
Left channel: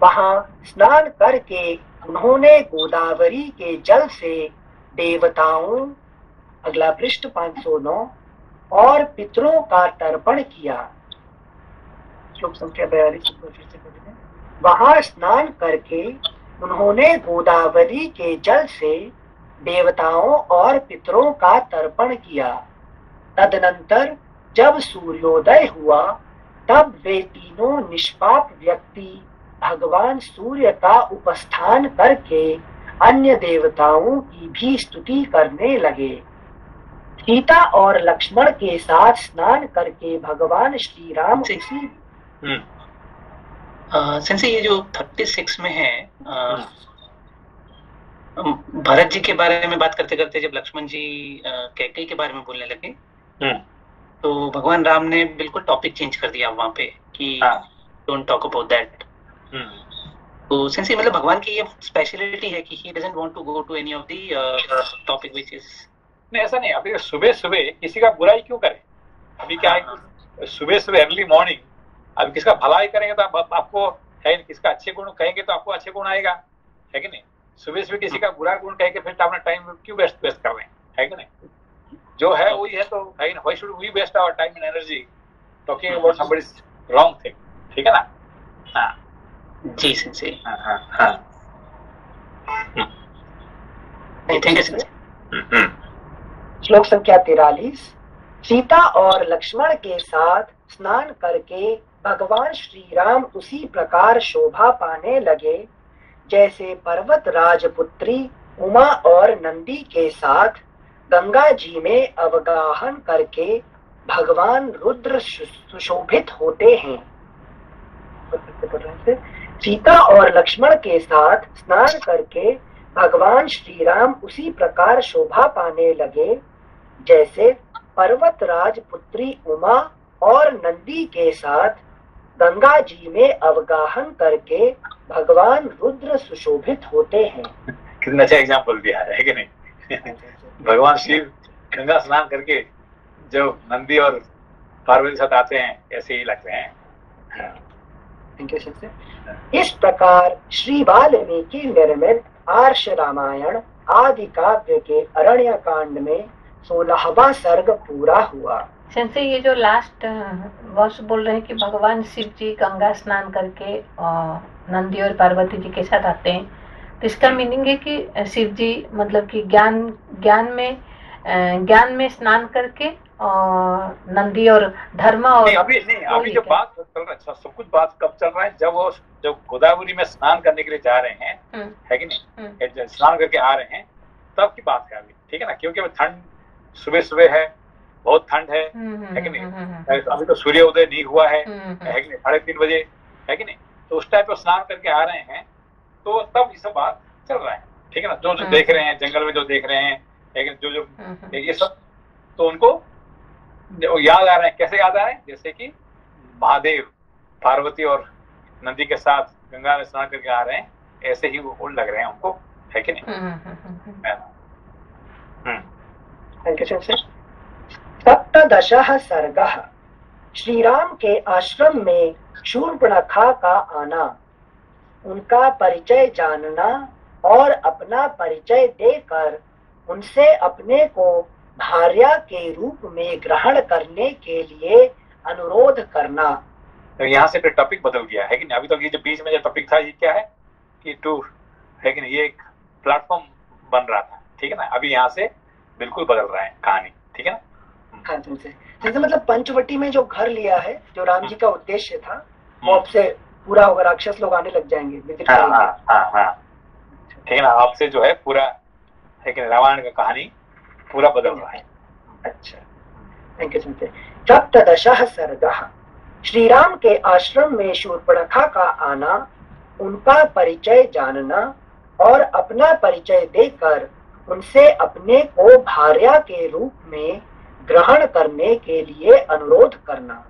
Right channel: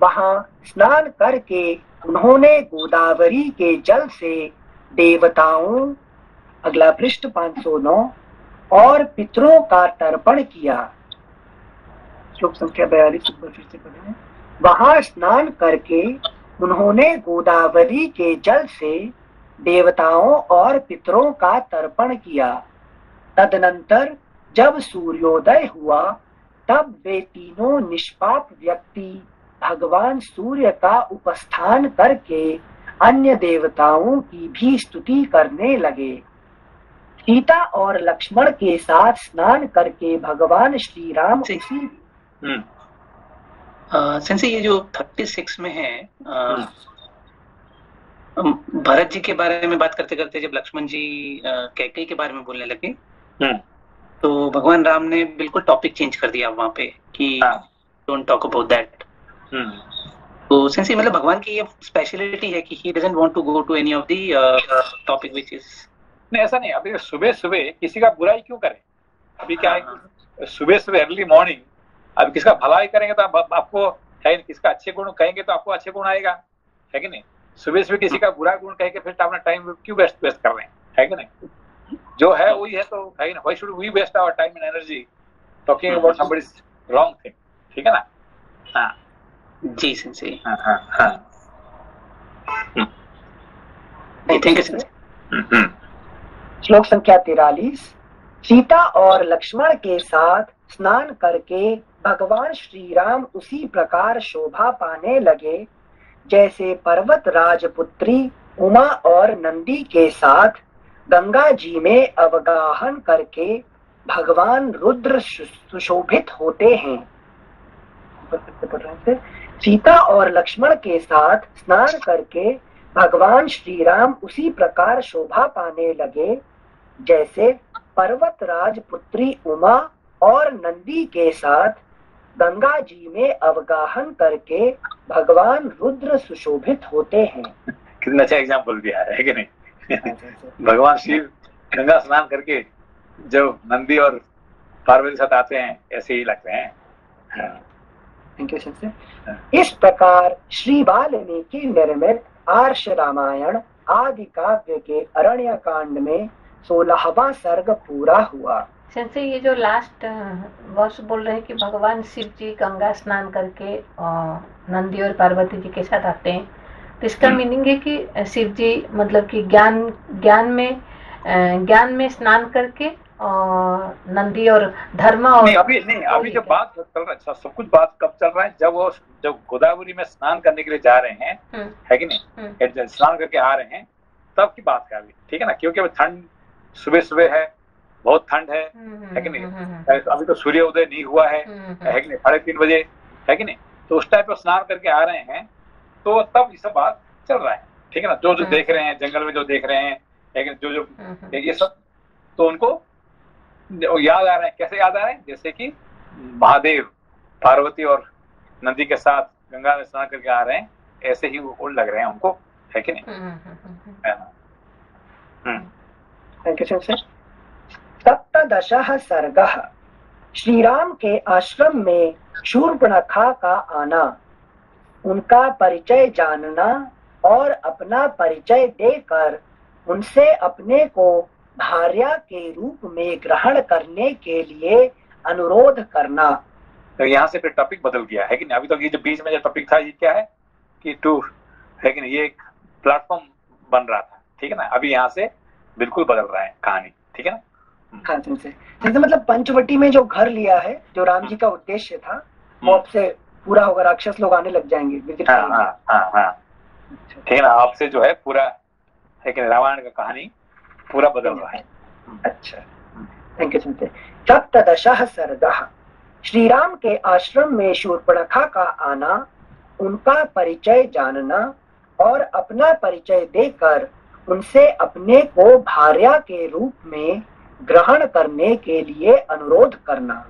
वहां स्नान करके उन्होंने गोदावरी के जल से देवताओं, अगला पृष्ठ 509, और पितरों का तर्पण किया। श्लोक संख्या 42 पर फिर से पढ़ें। वहां स्नान करके उन्होंने गोदावरी के जल से देवताओं और पितरों का तर्पण किया। तदनंतर जब सूर्योदय हुआ, तब वे तीनों निष्पाप व्यक्ति भगवान सूर्य का उपस्थान करके अन्य देवताओं की भी स्तुति करने लगे। सीता और लक्ष्मण के साथ स्नान करके भगवान श्री राम सेंसे ये जो 36 में है, भरत जी के बारे में बात करते करते जब लक्ष्मण जी कैकेयी के बारे में बोलने लगे, तो भगवान राम ने बिल्कुल टॉपिक चेंज कर दिया वहां पे कि डोंट टॉक अबाउट दैट। तो सेंसे मतलब भगवान की ये स्पेशलिटी है कि he doesn't want to go to any of the topic which is. नहीं, ऐसा नहीं। अभी सुबह सुबह किसी का बुराई क्यों करें? अभी क्या है, सुबह सुबह अर्ली मॉर्निंग अब किसका भलाई करेंगे तो आपको है, किसका अच्छे गुण कहेंगे तो आपको अच्छे गुण आएगा, है कि नहीं? सुबह सुबह किसी का बुरा गुण कह के फिर अपना टाइम क्यों वेस्ट कर रहे हैं, है कि नहीं? जो है वही है, तो है ना, why should we waste our time and energy talking about somebody's wrong thing, ठीक है ना? हाँ जी सेंसे। हाँ थैंक यू सेंसे। श्लोक संख्या 43। सीता और लक्ष्मण के साथ स्नान करके भगवान श्री राम उसी प्रकार शोभा पाने लगे जैसे पर्वत राजपुत्री उमा और नंदी के साथ गंगा जी में अवगाहन करके भगवान रुद्र सुशोभित होते हैं। सीता और लक्ष्मण के साथ स्नान करके भगवान श्री राम उसी प्रकार शोभा पाने लगे जैसे पर्वत राजपुत्री उमा और नंदी के साथ गंगा जी में अवगाहन करके भगवान रुद्र सुशोभित होते हैं। कितना अच्छा एग्जाम्पल दिया है कि नहीं? भगवान शिव गंगा स्नान करके जो नंदी और पार्वती साथ आते हैं, ऐसे ही लगते हैं। Thank you sir. इस प्रकार श्री वाल्मीकि निर्मित आर्ष रामायण आदि काव्य के अरण्य कांड में 16वां सर्ग पूरा हुआ। से ये जो लास्ट वर्ष बोल रहे हैं कि भगवान शिव जी गंगा स्नान करके नंदी और पार्वती जी के साथ आते हैं, तो इसका मीनिंग है कि शिव जी मतलब कि ज्ञान में स्नान करके और नंदी और धर्म और अभी जो बात चल रहा है सब कुछ बात कब चल रहा है, जब गोदावरी में स्नान करने के लिए जा रहे हैं, है कि नहीं, स्नान करके आ रहे हैं, तब की बात है अभी, ठीक है ना, क्योंकि अभी ठंड सुबह है, बहुत ठंड है कि नहीं, अभी तो सूर्योदय नहीं हुआ है कि नहीं, 3:30 बजे, है कि नहीं, तो उस टाइम पर स्नान करके आ रहे हैं, तो तब ये सब बात चल रहा है, ठीक है ना, जो देख रहे हैं जंगल में, जो देख रहे हैं, लेकिन जो ये सब तो उनको याद आ रहे हैं। कैसे याद आ रहे हैं? जैसे कि महादेव पार्वती और नंदी के साथ गंगा में स्नान करके आ रहे हैं, ऐसे ही वो लग रहे हैं उनको, है कि नहीं। Thank you sir. सप्तदशः सर्गः। श्री राम के आश्रम में शूर्पणखा का आना, उनका परिचय जानना और अपना परिचय देकर उनसे अपने को भार्या के रूप में ग्रहण करने के लिए अनुरोध करना। तो यहाँ से फिर टॉपिक बदल गया, है कि नहीं। अभी तो ये जो बीच में जो टॉपिक था, ये क्या है कि टूर, है कि नहीं, ये एक प्लेटफॉर्म बन रहा था, ठीक है ना। अभी यहाँ से बिल्कुल बदल रहा है कहानी, ठीक है ना। हाँ जैसे मतलब पंचवटी में जो घर लिया है, जो राम जी का उद्देश्य था, वो अब से पूरा होगा, राक्षस लोग आने लग जाएंगे, विजिट करेंगे। हाँ, ठीक है ना, आपसे जो है पूरा, है कि रामायण का कहानी पूरा बदल रहा है। अच्छा, थैंक यू सर। सप्तदशः सर्गः। श्री राम के आश्रम में शूर्पणखा का आना, उनका परिचय जानना और अपना परिचय देकर उनसे अपने को भार्या के रूप में ग्रहण करने के लिए अनुरोध करना।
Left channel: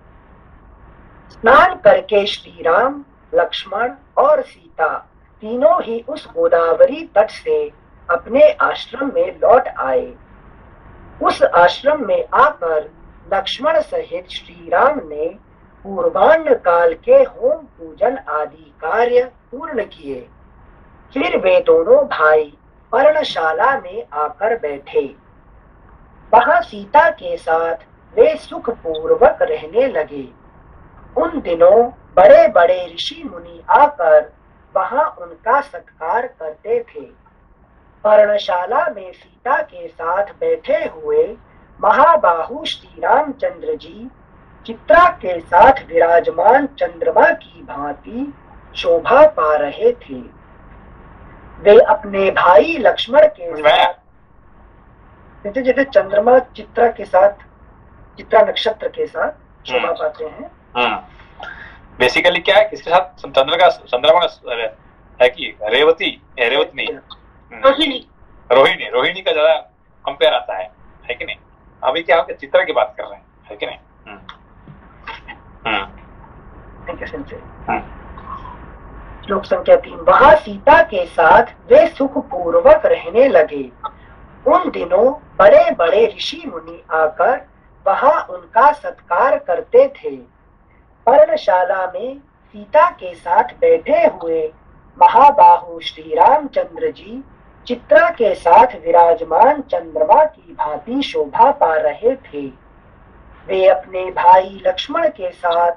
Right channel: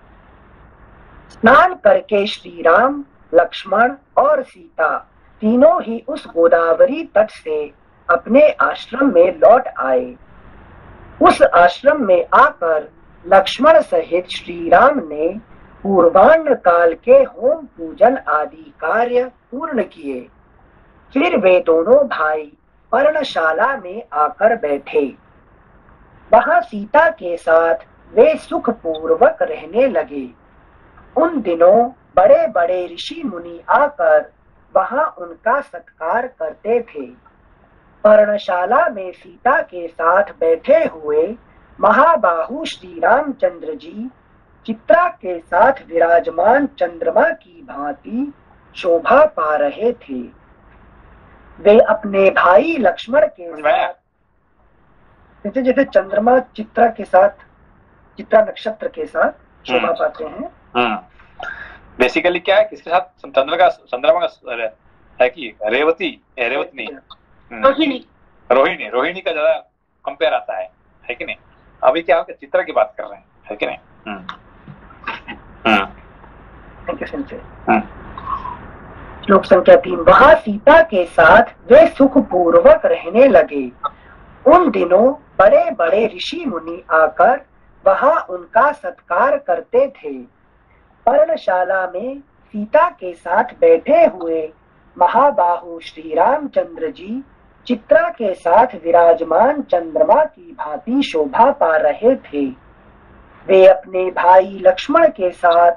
स्नान करके श्री राम, लक्ष्मण और सीता तीनों ही उस गोदावरी तट से अपने आश्रम में लौट आए। उस आश्रम में आकर लक्ष्मण सहित श्री राम ने पूर्वाह्न काल के होम पूजन आदि कार्य पूर्ण किए। फिर वे दोनों भाई पर्णशाला में आकर बैठे। वहां सीता के साथ वे सुख पूर्वक रहने लगे। उन दिनों बड़े बड़े ऋषि मुनि आकर वहां उनका सत्कार करते थे। पर्णशाला में सीता के साथ बैठे हुए महाबाहु श्री रामचंद्र जी चित्रा के साथ विराजमान चंद्रमा की भांति शोभा पा रहे थे। वे अपने भाई लक्ष्मण के साथ, जैसे जैसे चंद्रमा चित्रा के साथ, चित्रा नक्षत्र के साथ शोभा पाते हैं। बेसिकली क्या है, किसके साथ? चंद्रमा का है कि रेवती नहीं, रोहिणी का ज्यादा कंपेयर आता है कि नहीं। अभी क्या आपके चित्रा की बात कर रहे हैं, है कि नहीं। श्लोक संख्या 3। वहां सीता के साथ वे सुख पूर्वक रहने लगे। उन दिनों बड़े बड़े ऋषि मुनि आकर वहां उनका सत्कार करते थे। पर्णशाला में सीता के साथ बैठे हुए महाबाहु श्री रामचंद्र जी चित्रा के साथ विराजमान चंद्रमा की भांति शोभा पा रहे थे। वे अपने भाई लक्ष्मण के साथ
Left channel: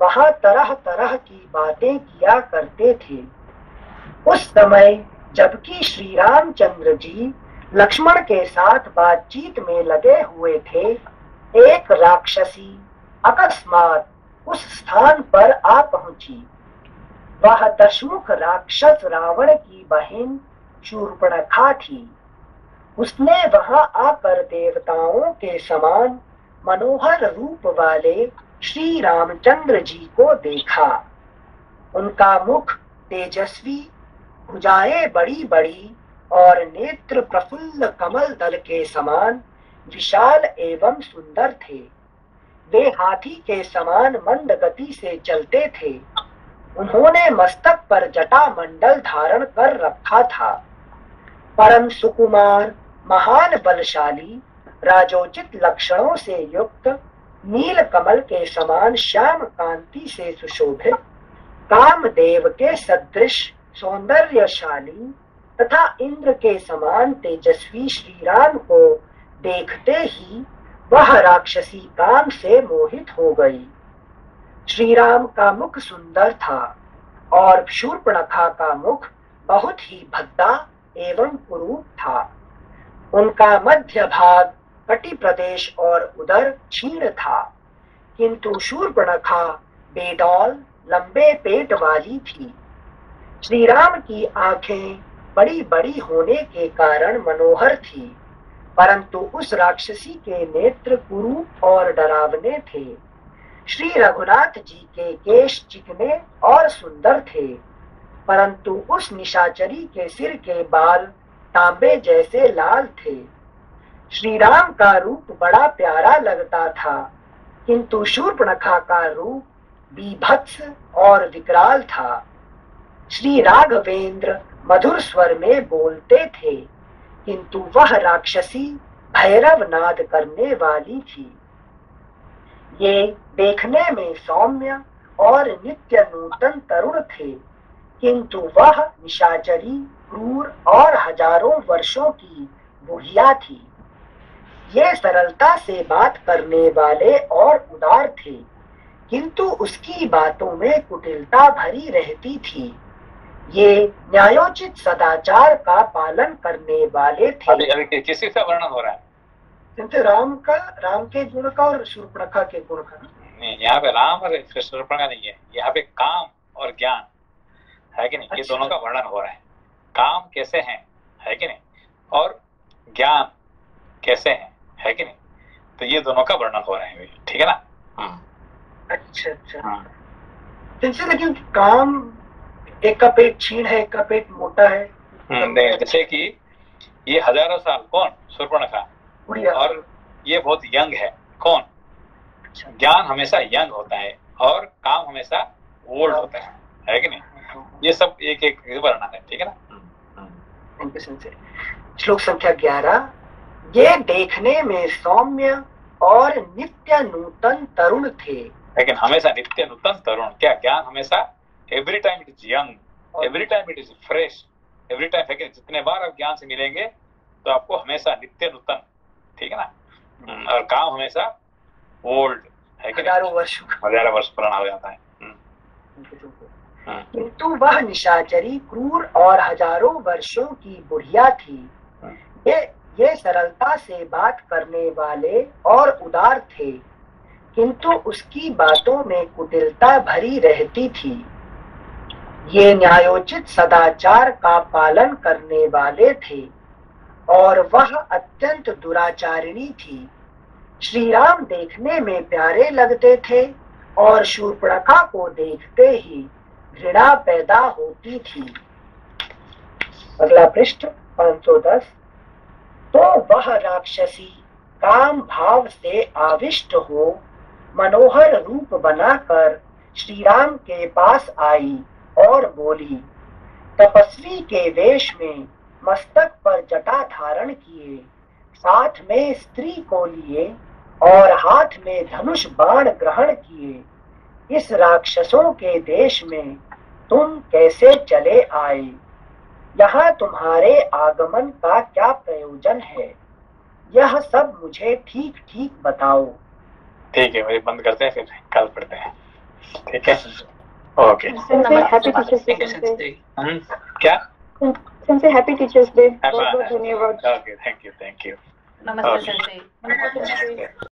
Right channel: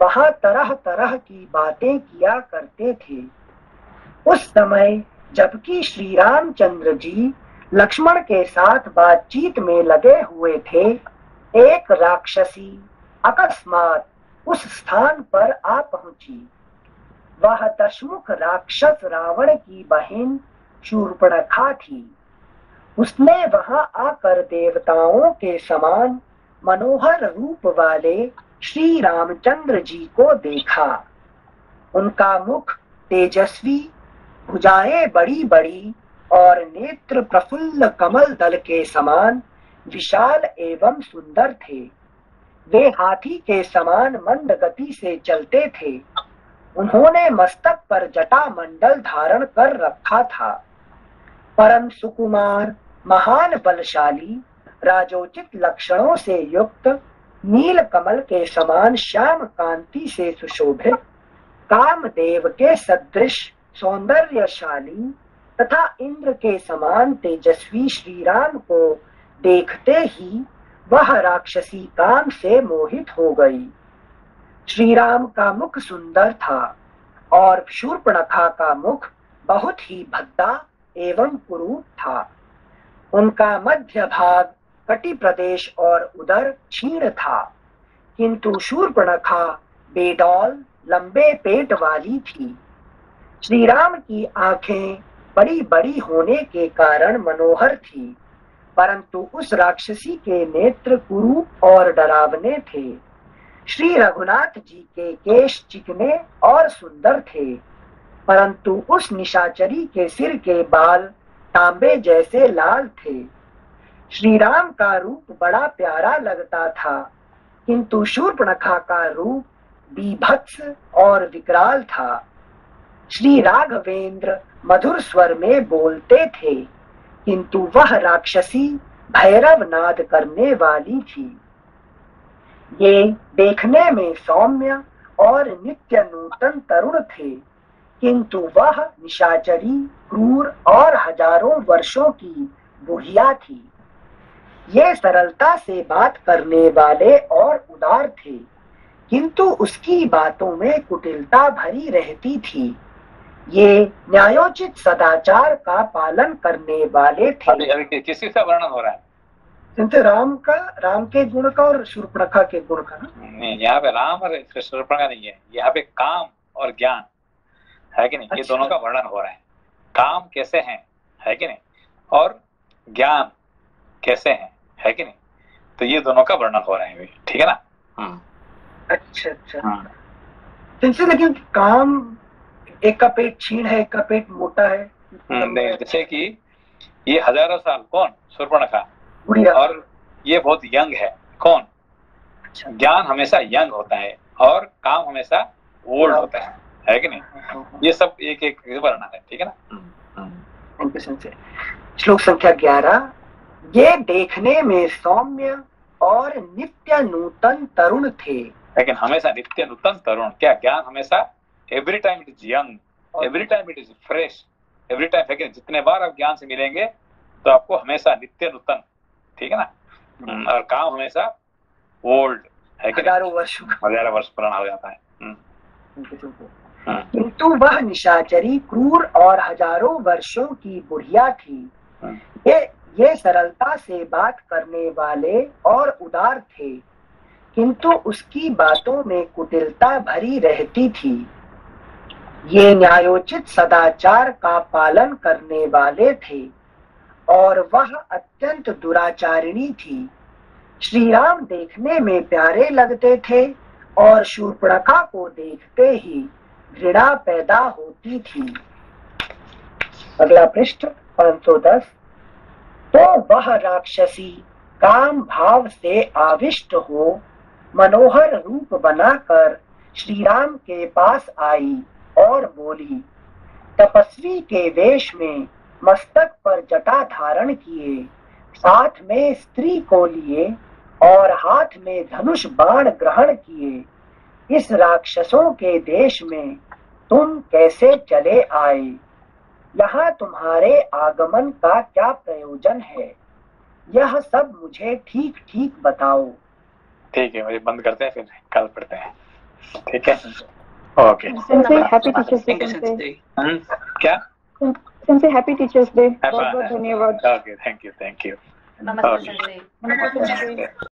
वहां तरह तरह की बातें किया करते थे। उस समय जबकि श्री रामचंद्र जी लक्ष्मण के साथ बातचीत में लगे हुए थे, एक राक्षसी अकस्मात उस स्थान पर आ पहुंची। वह दशमुख राक्षस रावण की बहन शूर्पणखा थी। उसने वहां आकर देवताओं के समान मनोहर रूप वाले श्री रामचंद्र जी को देखा। उनका मुख तेजस्वी, भुजाएं बड़ी बड़ी और नेत्र प्रफुल्ल कमल दल के समान विशाल एवं सुंदर थे। वे हाथी के समान मंद गति से चलते थे। उन्होंने मस्तक पर जटा मंडल धारण कर रखा था। परम सुकुमार, महान बलशाली, राजोचित लक्षणों से युक्त, नील कमल के समान श्याम कांति से सुशोभित, कामदेव के सदृश सौंदर्यशाली तथा इंद्र के समान तेजस्वी श्री राम को देखते ही वह राक्षसी काम से मोहित हो गई। श्री राम का मुख सुंदर था और शूर्पणखा का मुख बहुत ही भद्दा एवं कुरूप था। उनका मध्य भाग कटी प्रदेश और उदर क्षीण था, किंतु शूर्पणखा बेडौल लंबे पेट वाली थी। श्री राम की आंखें बड़ी बड़ी होने के कारण मनोहर थी, परंतु उस राक्षसी के नेत्र कुरूप और डरावने थे। श्री रघुनाथ जी के केश चिकने और सुंदर थे, परंतु उस निशाचरी के सिर के बाल तांबे जैसे लाल थे। श्री राम का रूप बड़ा प्यारा लगता था, किंतु शूर्पणखा का रूप बीभत्स और विकराल था। श्री राघवेंद्र मधुर स्वर में बोलते थे, किंतु वह राक्षसी भैरव नाद करने वाली थी। ये देखने में सौम्य और नित्य नूतन तरुण थे, किंतु वह निशाचरी क्रूर और हजारों वर्षों की बुढ़िया थी। ये सरलता से बात करने वाले और उदार थे, किंतु उसकी बातों में कुटिलता भरी रहती थी। ये न्यायोचित सदाचार का पालन करने वाले थे। अभी किसी का वर्णन हो रहा है? किंतु राम के गुण का और शूर्पणखा के गुण का नहीं, यहाँ पे राम और शूर्पणखा नहीं है, यहाँ पे काम और ज्ञान है कि नहीं? ये दोनों का वर्णन हो रहा है। काम कैसे है कि नहीं, और ज्ञान कैसे है कि नहीं? तो ये दोनों का वर्णन हो रहा है, ठीक है ना? अच्छा। लेकिन काम एक का पेट क्षीण है, एक का पेट मोटा है। नहीं, जैसे कि ये हजारों साल कौन? शूर्पणखा। और ये बहुत यंग है कौन? अच्छा। ज्ञान हमेशा यंग होता है और काम हमेशा ओल्ड होता है कि नहीं? ये सब एक एक वर्णन है, ठीक है ना? श्लोक संख्या 11। ये देखने में सौम्य और नित्य नूतन तरुण थे, लेकिन हमेशा नित्य नूतन तरुण। क्या ज्ञान हमेशा every time it is young, every time it is fresh, every time है कि जितने बार आप ज्ञान से मिलेंगे तो आपको हमेशा नित्य नूतन, ठीक है ना? और काम हमेशा ओल्ड है कि हजारों वर्ष पुराना हो जाता है। किंतु वह निशाचरी क्रूर और हजारों वर्षों की बुढ़िया थी। ये सरलता से बात करने वाले और उदार थे, किंतु उसकी बातों में कुटिलता भरी रहती थी। ये न्यायोचित सदाचार का पालन करने वाले थे और वह अत्यंत दुराचारिणी थी। श्री राम देखने में प्यारे लगते थे और शूर्पणखा को देखते ही घृणा पैदा होती थी। अगला पृष्ठ 510। तो वह राक्षसी काम भाव से आविष्ट हो मनोहर रूप बनाकर श्री राम के पास आई और बोली। तपस्वी के वेश में मस्तक पर जटा धारण किए, साथ में स्त्री को लिए और हाथ में धनुष बाण ग्रहण किए, इस राक्षसों के देश में तुम कैसे चले आए? यहाँ तुम्हारे आगमन का क्या प्रयोजन है? यह सब मुझे ठीक ठीक बताओ। ठीक है, वही बंद करते हैं, फिर कल पढ़ते हैं, ठीक है? ओके। Happy teachers day. क्या? Sensei, happy Teachers Day. बहुत बहुत धन्यवाद। Okay, thank you. नमस्ते सर।